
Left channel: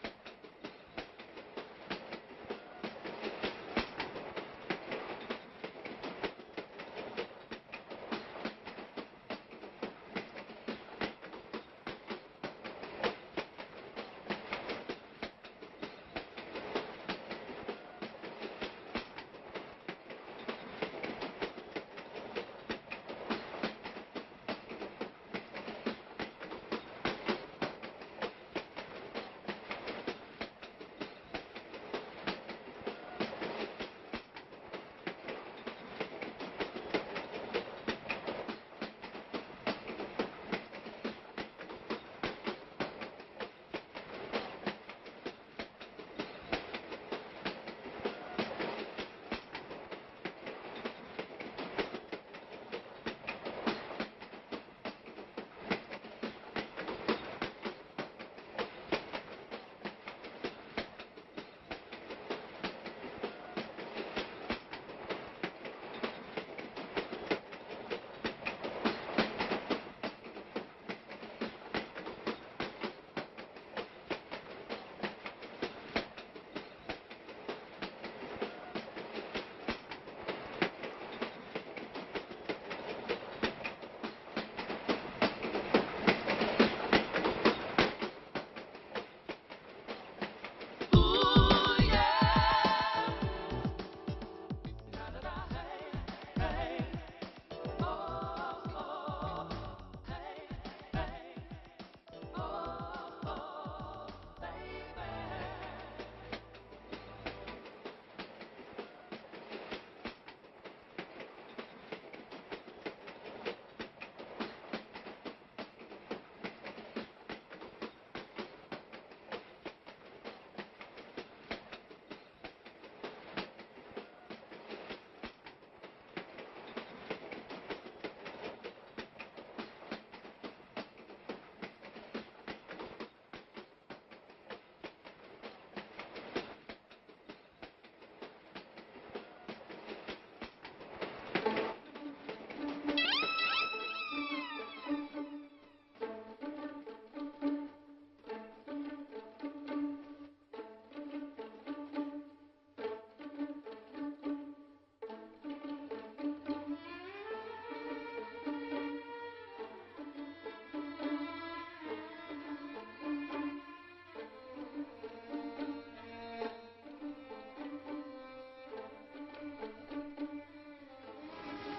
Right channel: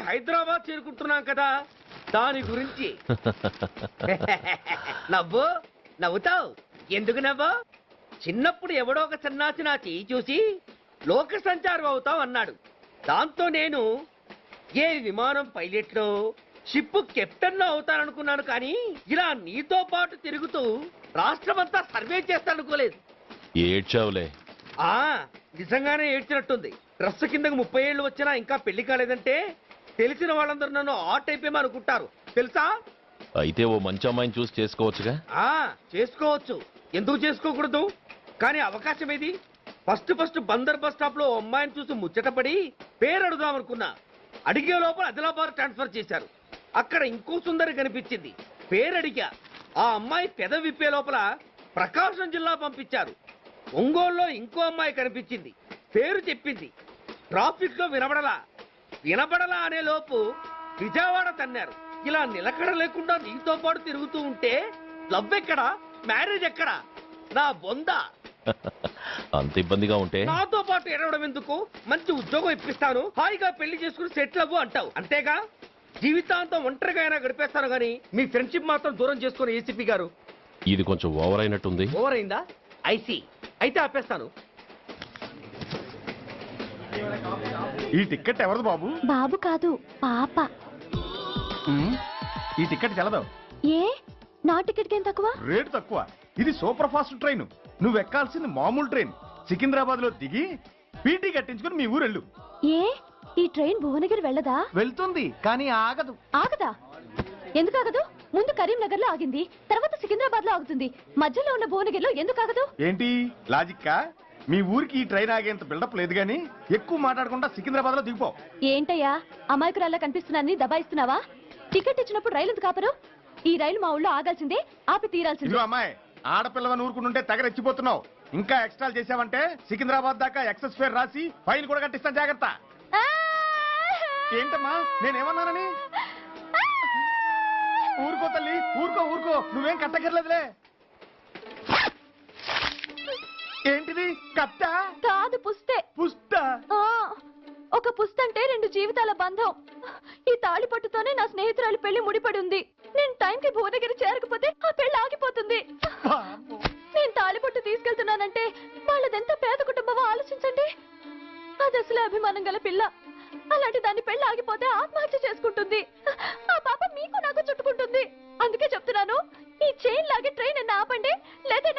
హైదరాబాద్ చేరుకుంటున్నాం కదా, దాని గురించి. నవ్వుతావు ఎందుకు నవ్వు? చిన్నప్పుడు ఎవడో ఒక సన్నాసి నా చెయ్యి చూసి లోక సంచారం అవుతావు అన్నాడు. దాంతో నేను ఏ విమానం పైలట్లో, షిప్ కెప్టెన్ అవుతాననుకున్నాను. కానీ ఇలా నీతో పాటు తిరుగుతూ రాష్ట్రమంతా సర్వే చేస్తాననుకోలేదు. ఏడ్చావులే. నిజంగానే ఏడ్చినట్టుంది. డ్రెస్ కిందకు 30 ఏళ్ళు వచ్చినా ఇంకా పెళ్లి కాలేదంటే తెలిసిన వాళ్ళందరూ నన్ను ఆట్ అయిపోయి అనుకుంటారు తెలుసా? అయితే ఓ మంచి అమ్మాయిని చూసి చేసుకోవచ్చుగా? చేసుకోవచ్చు, ఎందుకు చేసుకోకూడదు? కానీ అవకాశం ఏది? ఫస్ట్ బందర్ బస్ స్టాప్ లో అమ్మాయిని చూసి ముచ్చటపడి పేరు అడుగుదాం అనుకున్నా. అడిగే లోపల ఆదిలాబాద్ ట్రాన్స్ఫర్ చేశారు. అక్కడ ఇంకో సుందరి కనిపించింది, పేరు అడిగా. ఆ అమ్మాయి పెద విప్పే లోపల ప్రకాశం జిల్లా పంపించారు. ఒంగోలులో ఇంకో అమ్మాయి కనిపించింది, పేరు చెప్పింది, ట్రాఫిక్ లో వినబడలా అనే లోపు విజయవాడ తన్నారు. ఇలా నిలకడ లేకుండా నీతో పాటు తిరుగుతూ ఉంటే లవ్ ఎక్కడా, మ్యారేజ్ ఎక్కడా? నా బొంద. అంత ఇబ్బందిగా ఉంటే నాతో పాటు ఎడవడం ఎందుకు? మంచి ఉద్యోగం ఇప్పిస్తాను, హాయిగా పెళ్లి చేసుకుని సెటిల్ అవ్వు అంటావు అంతేగా? జీవితాంతం ఒంటరిగా అయినా గడిపేస్తాను గానీ మీ ఫ్రెండ్షిప్ మాత్రం దూరం చేసుకుని ఏసీపీ గారు. ఇది కొంచెం ఓవర్ అయినట్టుంది. ఓవర్ అయిందా? ఐసీ, అయితే ఆపేస్తాను. ఈ టికెట్ ఎవరిది బాబు? బాబు కాదు, పాప. ఈ టికెట్ గెలదావు. ఏ నా టికెట్ ఏం తక్కువ? రేటు తక్కువ. ఇది సూపర్ ఫాస్ట్ ట్రైన్. నువ్వు ఎక్కాల్సింది మామూలు ట్రైన్. సికింద్రాబాద్ లో దిగి పీటీ కట్టించుకుని మీ ఊరెళ్ళు. ఏ ఈ ట్రైన్ భువనగిరి వెళ్ళదా? వెళ్తుంది కానీ ఆగదు. ఆగదా? ఎందుకు ఆగదు? ముందు కరీంనగర్ లో ఆగింది, తర్వాత సికింద్రాబాద్ లో ఆగుతుంది. మధ్యలో ఉన్న భువనగిరిలో ఎందుకు ఆగదు? ఏంటి లాజిక్కా? మీ ఊరికి ఈ ట్రైన్ ఆగేంత బిల్డప్ లేదు గానీ ఎక్కువ మాట్లాడకుండా సికింద్రాబాద్ లో దిగిపో. ఏంటయ్యా అమాయకురాల్లా కనిపిస్తున్నానని దబాయిస్తున్నావా? టికెట్ ఇచ్చినప్పుడు రైలు ఎందుకు ఆపరు? ఈ రైలు మా ఊళ్ళో ఆగాల్సిందే, ఆపి తీరాల్సిందే. ఇదిగో అమ్మాయి, ఆడపిల్లవని ఊరుకుంటుంటే తెగరెచ్చిపోతున్నావు. ఇంకా ఎక్స్ట్రాలు చేసావంటే సికింద్రాబాద్ దాకా ఎక్సెస్ ఫేర్ రాసి ఫైన్ కూడా కట్టిస్తాను, జాగ్రత్త. ఏంటమ్మా నేనేమన్నానని? ఊరుకో తల్లి, ఊరుకో ఊరుకో, నువ్వేం కట్టగర్లేదులే. ఏంటిది? కట్ట కాదు, పుస్తే. పుస్త? ఒక పుస్తంటే 2 జీవితాల బంధం. ఈ తాళి పట్టుతోనే నా స్నేహితురాలి పెళ్లి ముడిపడి ఉంది. నేను టైంకి భువనగిరి చేరకపోతే ఆ పెళ్లి ఆగిపోతుంది. నేను తాళిపట్టు తీసుకెళ్తున్నానంటే వాళ్ళదెంత పేద కుటుంబమో ఆలోచించండి. అది అసలు అభిమానం గల పిల్ల. అలాంటి దాన్ని పెళ్లి ఆగిపోతే ఆత్మహత్య చేసుకుంటుంది. ఆ పాప మీకు నాకు చుట్టుకుంటుంది. అందుకే చెప్తున్నాను, ఈ చైన్ లాగే ట్రైన్ ఆపండి, లేదా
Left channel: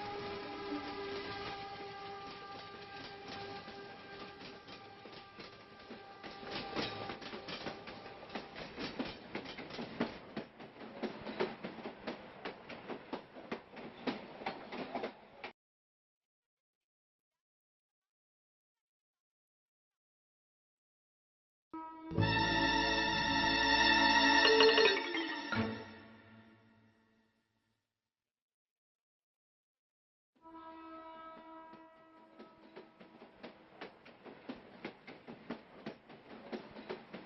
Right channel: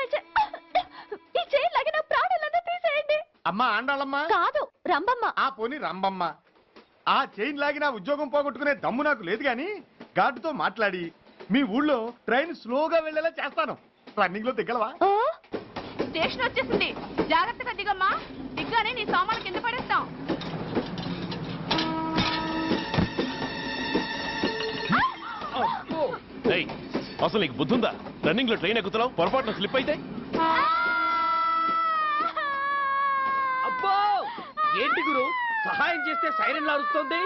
ఈ చైన్ లాగే నా ప్రాణాలను తీసేయండి. అమ్మా ఆండాళ్ళమ్మ కాదు, రంబమ్మ. ఆ పోని రంబమ్మ. ఆ చైన్ లాగి నా ఉద్యోగం పోగొట్టుకునే దమ్ము నాకు లేదు గాని గార్డుతో మాట్లాడి మీ ఊళ్ళో ట్రైన్ స్లోగా వెళ్ళేలా చేస్తాను. రన్నింగ్ లో దిగలవా? స్టేషన్ వచ్చేసింది, జాగ్రత్తగా దిగమ్మా. దిగ్గానే నీ సామాన్లు కింద పడేస్తాం. అసలు నీకు బుద్ధుందా? రన్నింగ్ లో ట్రైన్ ఎక్కుతున్నావు, పొరపాటున స్లిప్ అయితే? అబ్బో ఏంటి గురు, సహాయం చేస్తే సైరన్ అరుస్తుంది.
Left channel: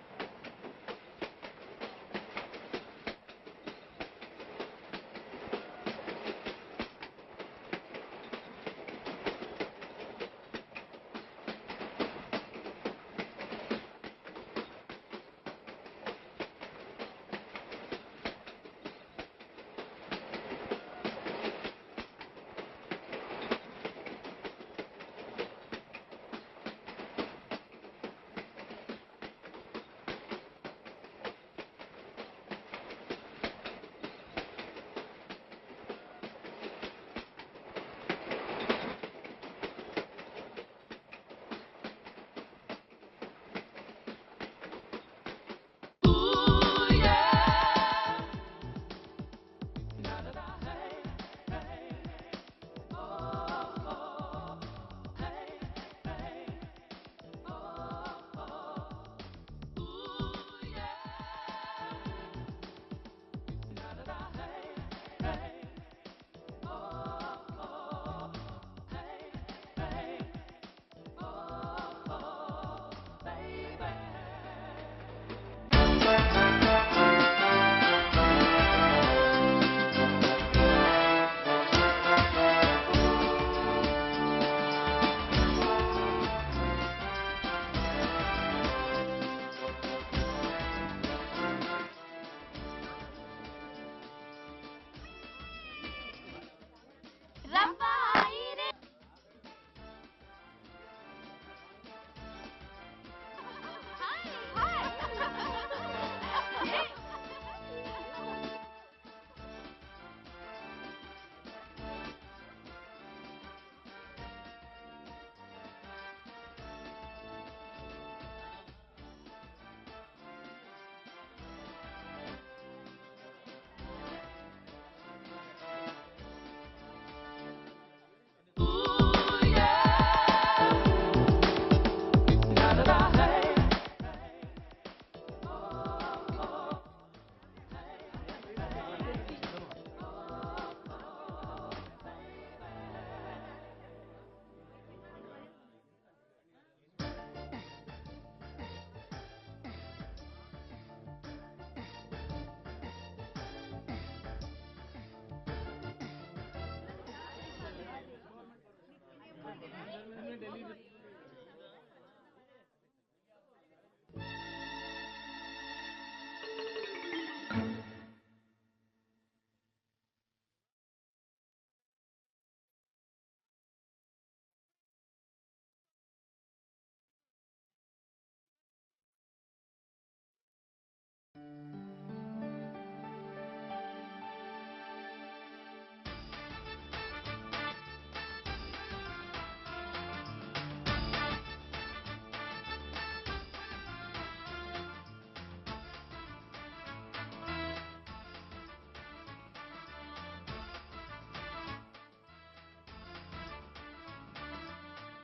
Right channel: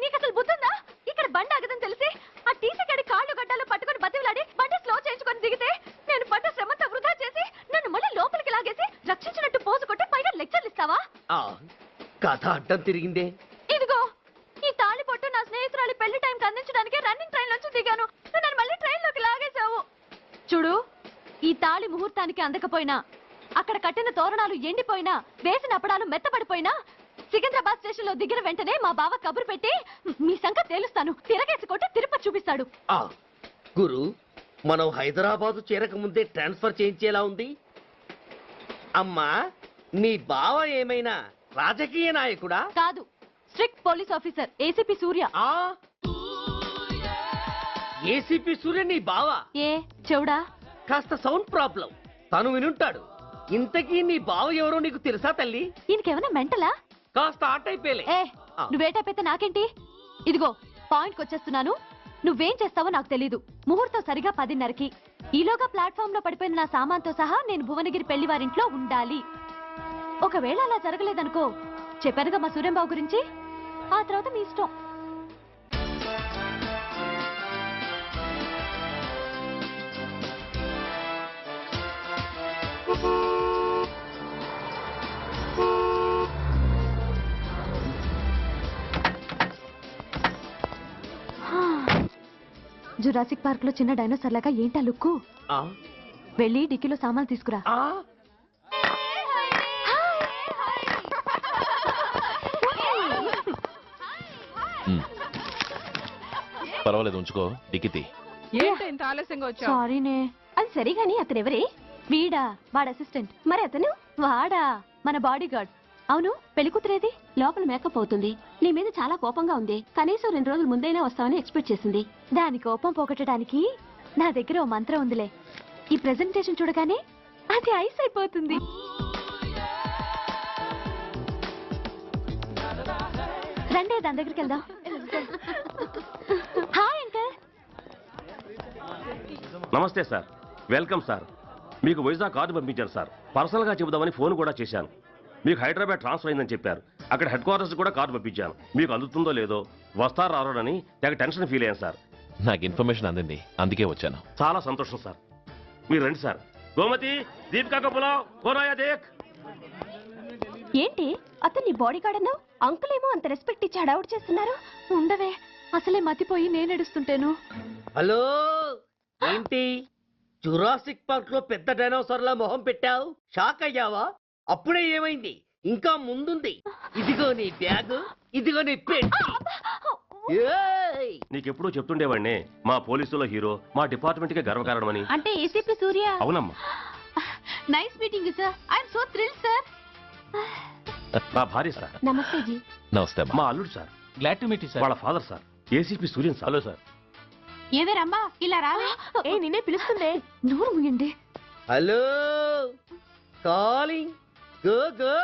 నీకు అసలు బుద్ధుందా? ఇక్కడ బండి ఆగదని తెలిసి ఆ టీసీ గడి కాళ్ళు గడ్డాలు పట్టుకొని బతిలాడి బండి స్లో చేయించుకొని దిగితే నేను పడ్డ శ్రమంతా వృధా చేసి నన్ను మళ్ళీ లోపలికి లాగేసి రక్షించినట్టు పోసు కొట్టి పైగా లెక్చర్లు ఇస్తావా? కథ అడ్డం తిరిగిందే. ఇదిగో ఈ తాళి పొట్టు నా స్నేహితురాలి పెళ్లి టైంకి అందించడానికి రన్నింగ్ ట్రైన్ నుంచి దిగాను. నన్ను మళ్ళీ ట్రైన్ లోకి లాగేశావు. చూడు, ఈ తాళి ముహూర్తానికి అందకపోయినా, అక్కడ కట్టిన తోరణాలు ఎండిపోయినా, వేసిన అప్పడాలు మెత్తపడిపోయినా, సికింద్రాబాద్ స్టేషన్ లో దిగిన వెంటనే మా బావ కబురు పెట్టి మీ సంగతి తేలుస్తాను, తిరగేసి కొట్టి తిరుపతి చూపిస్తాడు. గురు, మనం హైదరాబాద్ చేరక ముందే ట్రాన్స్ఫర్ చేయించేలా ఉంది. అమ్మా, నీ బావ ఏమైనా రాజకీయ నాయకుడా? కాదు, స్ట్రిక్ట్ పోలీస్ ఆఫీసర్, ఏసీపీ సూర్య. ఏసీపీ సూర్య నీ బావ? ఏ చెవుడా? కాస్త సౌండ్ ప్రాబ్లం, తను వినుంటాడు. ఇంతకీ నీ బావ ఎవరో నీకు తెలుసా తల్లి? ఈయనకేమైనా మెంటలా? కాస్త ఆటైపోయలే. నువ్వేటైపోతే నాకేంటి? ఇదిగో పాయింట్కి వచ్చేస్తున్నాను. నువ్వేం చేస్తావో నాకు తెలీదు. ముహూర్తం సరిగా 10:30కి. ఈలోగా ప్లాట్ఫామ్ లో పడిపోయిన నా సామాన్తో సహా నేను భువనగిరి పెళ్లి వారింట్లో ఉండాలి. ఒకవేళ అలా జరగలేదనుకో, చెప్పానుగా మా సూర్యంబాబు గురించి, ఆ తర్వాత మీ ఇష్టం. జురాసిక్ పార్క్ లో చిన్న డైనోసార్ లాగా ఏంటా లుక్కు? వెళ్ళి డిక్కీలో సామాన్లు తీసుకురా. పర్వాలేదు, ఉంచుకో. టికెట్ ఏంటి ఇంత ఆలస్యంగా వచ్చావు? సారీనే. అది సరిగాని అతను ఎవరే? వీడా, వాడు అసిస్టెంట్. మరి అతను? వాడా, మన బాడీ గార్డ్. అవును, పెళ్లి కూతురేది? లోపల మేకప్ అవుతుంది. నీ మీద చాలా కోపంగా ఉంది. కనీసం 2 రోజుల ముందైనా వస్తావని ఎక్స్పెక్ట్ చేసింది. దాని కోపం పోగొట్టడానికి నా దగ్గర ఓ మంత్రం ఉందిలే. ఈ ప్రెజెంటేషన్ చూడగానే అది ఐస్ అయిపోతుంది. రండి, దాని దగ్గరికి వెళ్దాం. Hi uncle. నమస్తే సార్, వెల్కమ్ సార్. మీకు వైజాగ్ కార్డు పంపించారు సార్. పర్సనల్గా చెబుదామని ఫోన్ కూడా చేశాను. మీకు హైదరాబాద్ ట్రాన్స్ఫర్ అయిందని చెప్పారు. అక్కడ హెడ్ క్వార్టర్స్ కూడా కార్డు పంపించాను. మీకు అందుతుందో లేదో, వస్తారో రారోనని తెగ టెన్షన్ ఫీల్ అయ్యాను సార్. నాకు ఇన్ఫర్మేషన్ అందింది, అందుకే వచ్చాను. చాలా సంతోషం సార్. మీరు రండి సార్. గోమతి, దీపికా కపులో కోరాయా దేక్. ఏంటి అతన్ని బాడీ గార్డ్ అన్నావు? అంకుల్ ఏమో అంత రెస్పెక్ట్ ఇచ్చి హడావుడు చేస్తున్నారు. ఉండవే, అసలే మతిపోయి నేను ఎడుస్తుంటాను. హలో, ఏంటి జురాసిక్ పార్క్ లో పెద్ద డైనోసార్ల మొహం పెట్టావు? షాక్ అయ్యావా? అప్పుడే ఏమైంది? ఇంకా ముందుంది. ఇదిగో నీ బ్యాగ్, ఇదిగో నీ పెట్టి. నీకెప్పుడు చెప్తుండేవాడిని మా పోలీసులో హీరో, మా డిపార్ట్మెంట్ కి గర్వకారణమని. అంటే ఏసీపీ సూర్య. అవునమ్మా. Nice meeting sir. I'm so thrilled sir. మా భార్య సార్. నమస్తే జీ. నమస్తే. మా అల్లుడు sir. Glad to meet you sir. వాళ్ళ father sir, ACP Suryan sir. Hello sir. ఏవే రమ్మా, ఇలా రావే. ఏ నిన్నే పిలుస్తుందే. నోరు మూయండి. Hello, calling. Go go.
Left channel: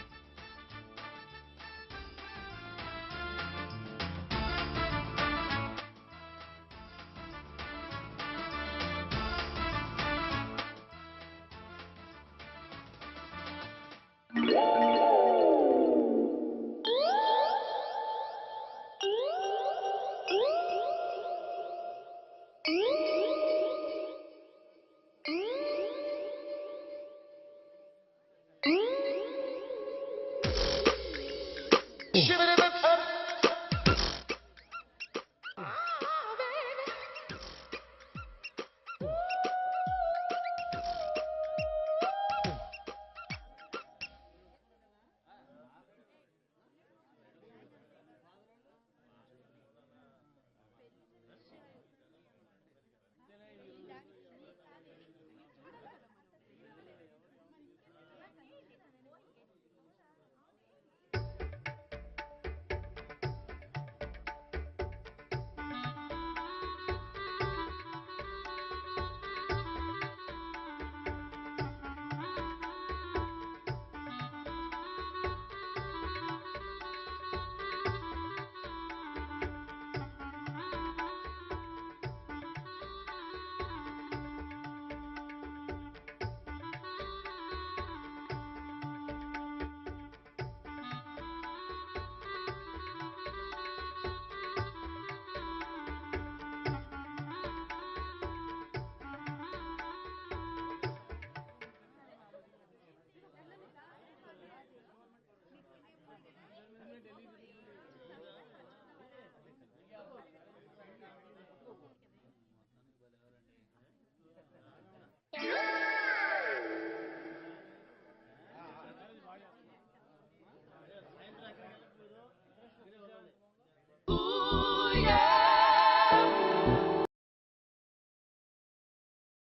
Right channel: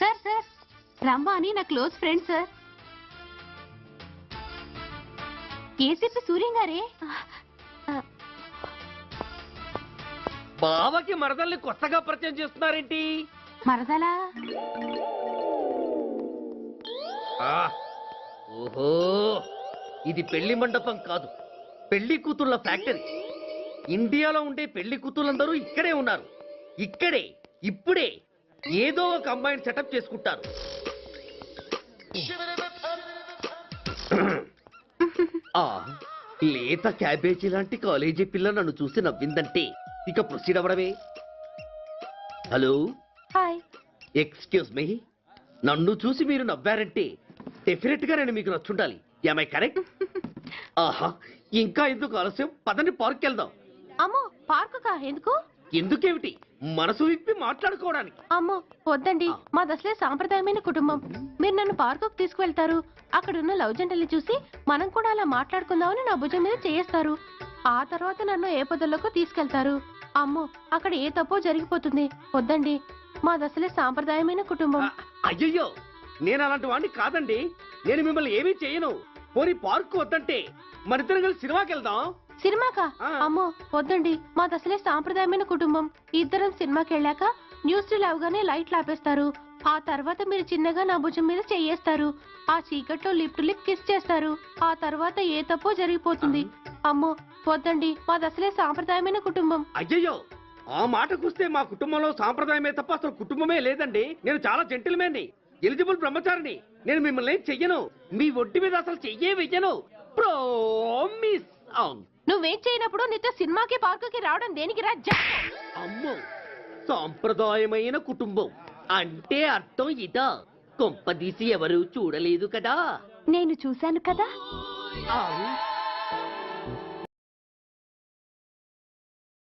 Sir sir, Ramma అని నా close friend sir. ACP Suryam గారే. బావకి మరదల్ని కొత్తగా పరిచయం చేస్తున్నారేంటి? మరదలా? ఓహో, ఇది పెళ్లి మండపం కాదు, పెళ్లి కూతుళ్ళ ఫ్యాక్టరీ. ఇండియాలో ఉండే పెళ్లి కూతుళ్ళందరూ ఇక్కడే ఉన్నారు. ఇక్కడే ఇప్పుడే ఏదో ఒక అమ్మాయిని సెటప్ చేసుకుంటారు. లేత క్యాబేజీ లాంటి కాలేజీ పిల్ల నన్ను చూసి నవ్విందంటే ఇక ప్రొసీడ్ అవ్వడమే. Hello, hi. ఎక్స్క్యూజ్ మీ, నన్ను చూసి మీరు నవ్వారంటే డెఫినెట్ గా నేను మీకు నచ్చుండాలి. Am I correct? ఆహా, ఇంకా ఎందుకు ఆలస్యం? పదండి పార్క్ వెళ్దాం. అమ్మో, పార్కు కా? ఎందుకు? ఎందుకేమిటి, మనసు విప్పి మాట్లాడుకోవడానికి. అమ్మో వద్దండి, మాది అసలే సాంప్రదాయమైన కుటుంబం. మీరు నన్ను పార్కుకు తీసుకువెళ్తారు, అక్కడ ఉన్న లవ్ జంటలు చూసి మనం కూడా అలా మాట్లాడుకుందామని నా భుజం మీద చేస్తారు. ఆ తర్వాత నన్ను ఏ పొదల్లోకి తీసుకెళ్తారు. అమ్మో, అక్కడ ఏ తప్పో జరిగిపోతుంది. వద్దండి, మాది అసలే సాంప్రదాయమైన కుటుంబం. అయ్యయ్యో, నేను అలాంటి వాడిని కాదండి. నేను మిమ్మల్ని ఏమీ చేయను. పోనీ పార్క్ వద్దంటే మరిద్దరం కలిసి సినిమాకి వెళ్దాం. సినిమాకా? అమ్మో వద్దండి, మాది అసలే సాంప్రదాయమైన కుటుంబం. ఇద్దరం సినిమాకి వెళ్ళాక న్యూస్ అవగానే లైట్లు ఆపేస్తారు. ఆ తర్వాత మీరు చిన్నగా నా భుజం మీద చెయ్యేస్తారు. ఆ చీకట్లో లిప్ కిస్ చేస్తారు. ఆ తర్వాత ఏ తప్పో జరిగిపోతుంది. అమ్మో వద్దండి, మాది అసలే సాంప్రదాయమైన కుటుంబం. అయ్యయ్యో, ఆ మాటకొస్తే మా కుటుంబంలో సాంప్రదాయమే తప్ప అసలు కుటుంబమే లేదండి. నేను చాలా జెంటిల్మెన్ని, ఎలిజిబుల్ బ్రహ్మచారిని. నేను మిమ్మల్ని ఏం చెయ్యను. మీ ఒంటి మీద అసలు చెయ్యే వెయ్యను. ప్రామిస్. అవును, నువ్వేం చేయనప్పుడు నీతో సినిమాకి పార్కుకి రావడం దేనికి రా? అమ్మో, సాంప్రదాయమైన కుటుంబం అంటే అర్థం ఇదా? కొంపదీసి ఎవరు చూడలేదు కదా? నేను చూశాను కదా.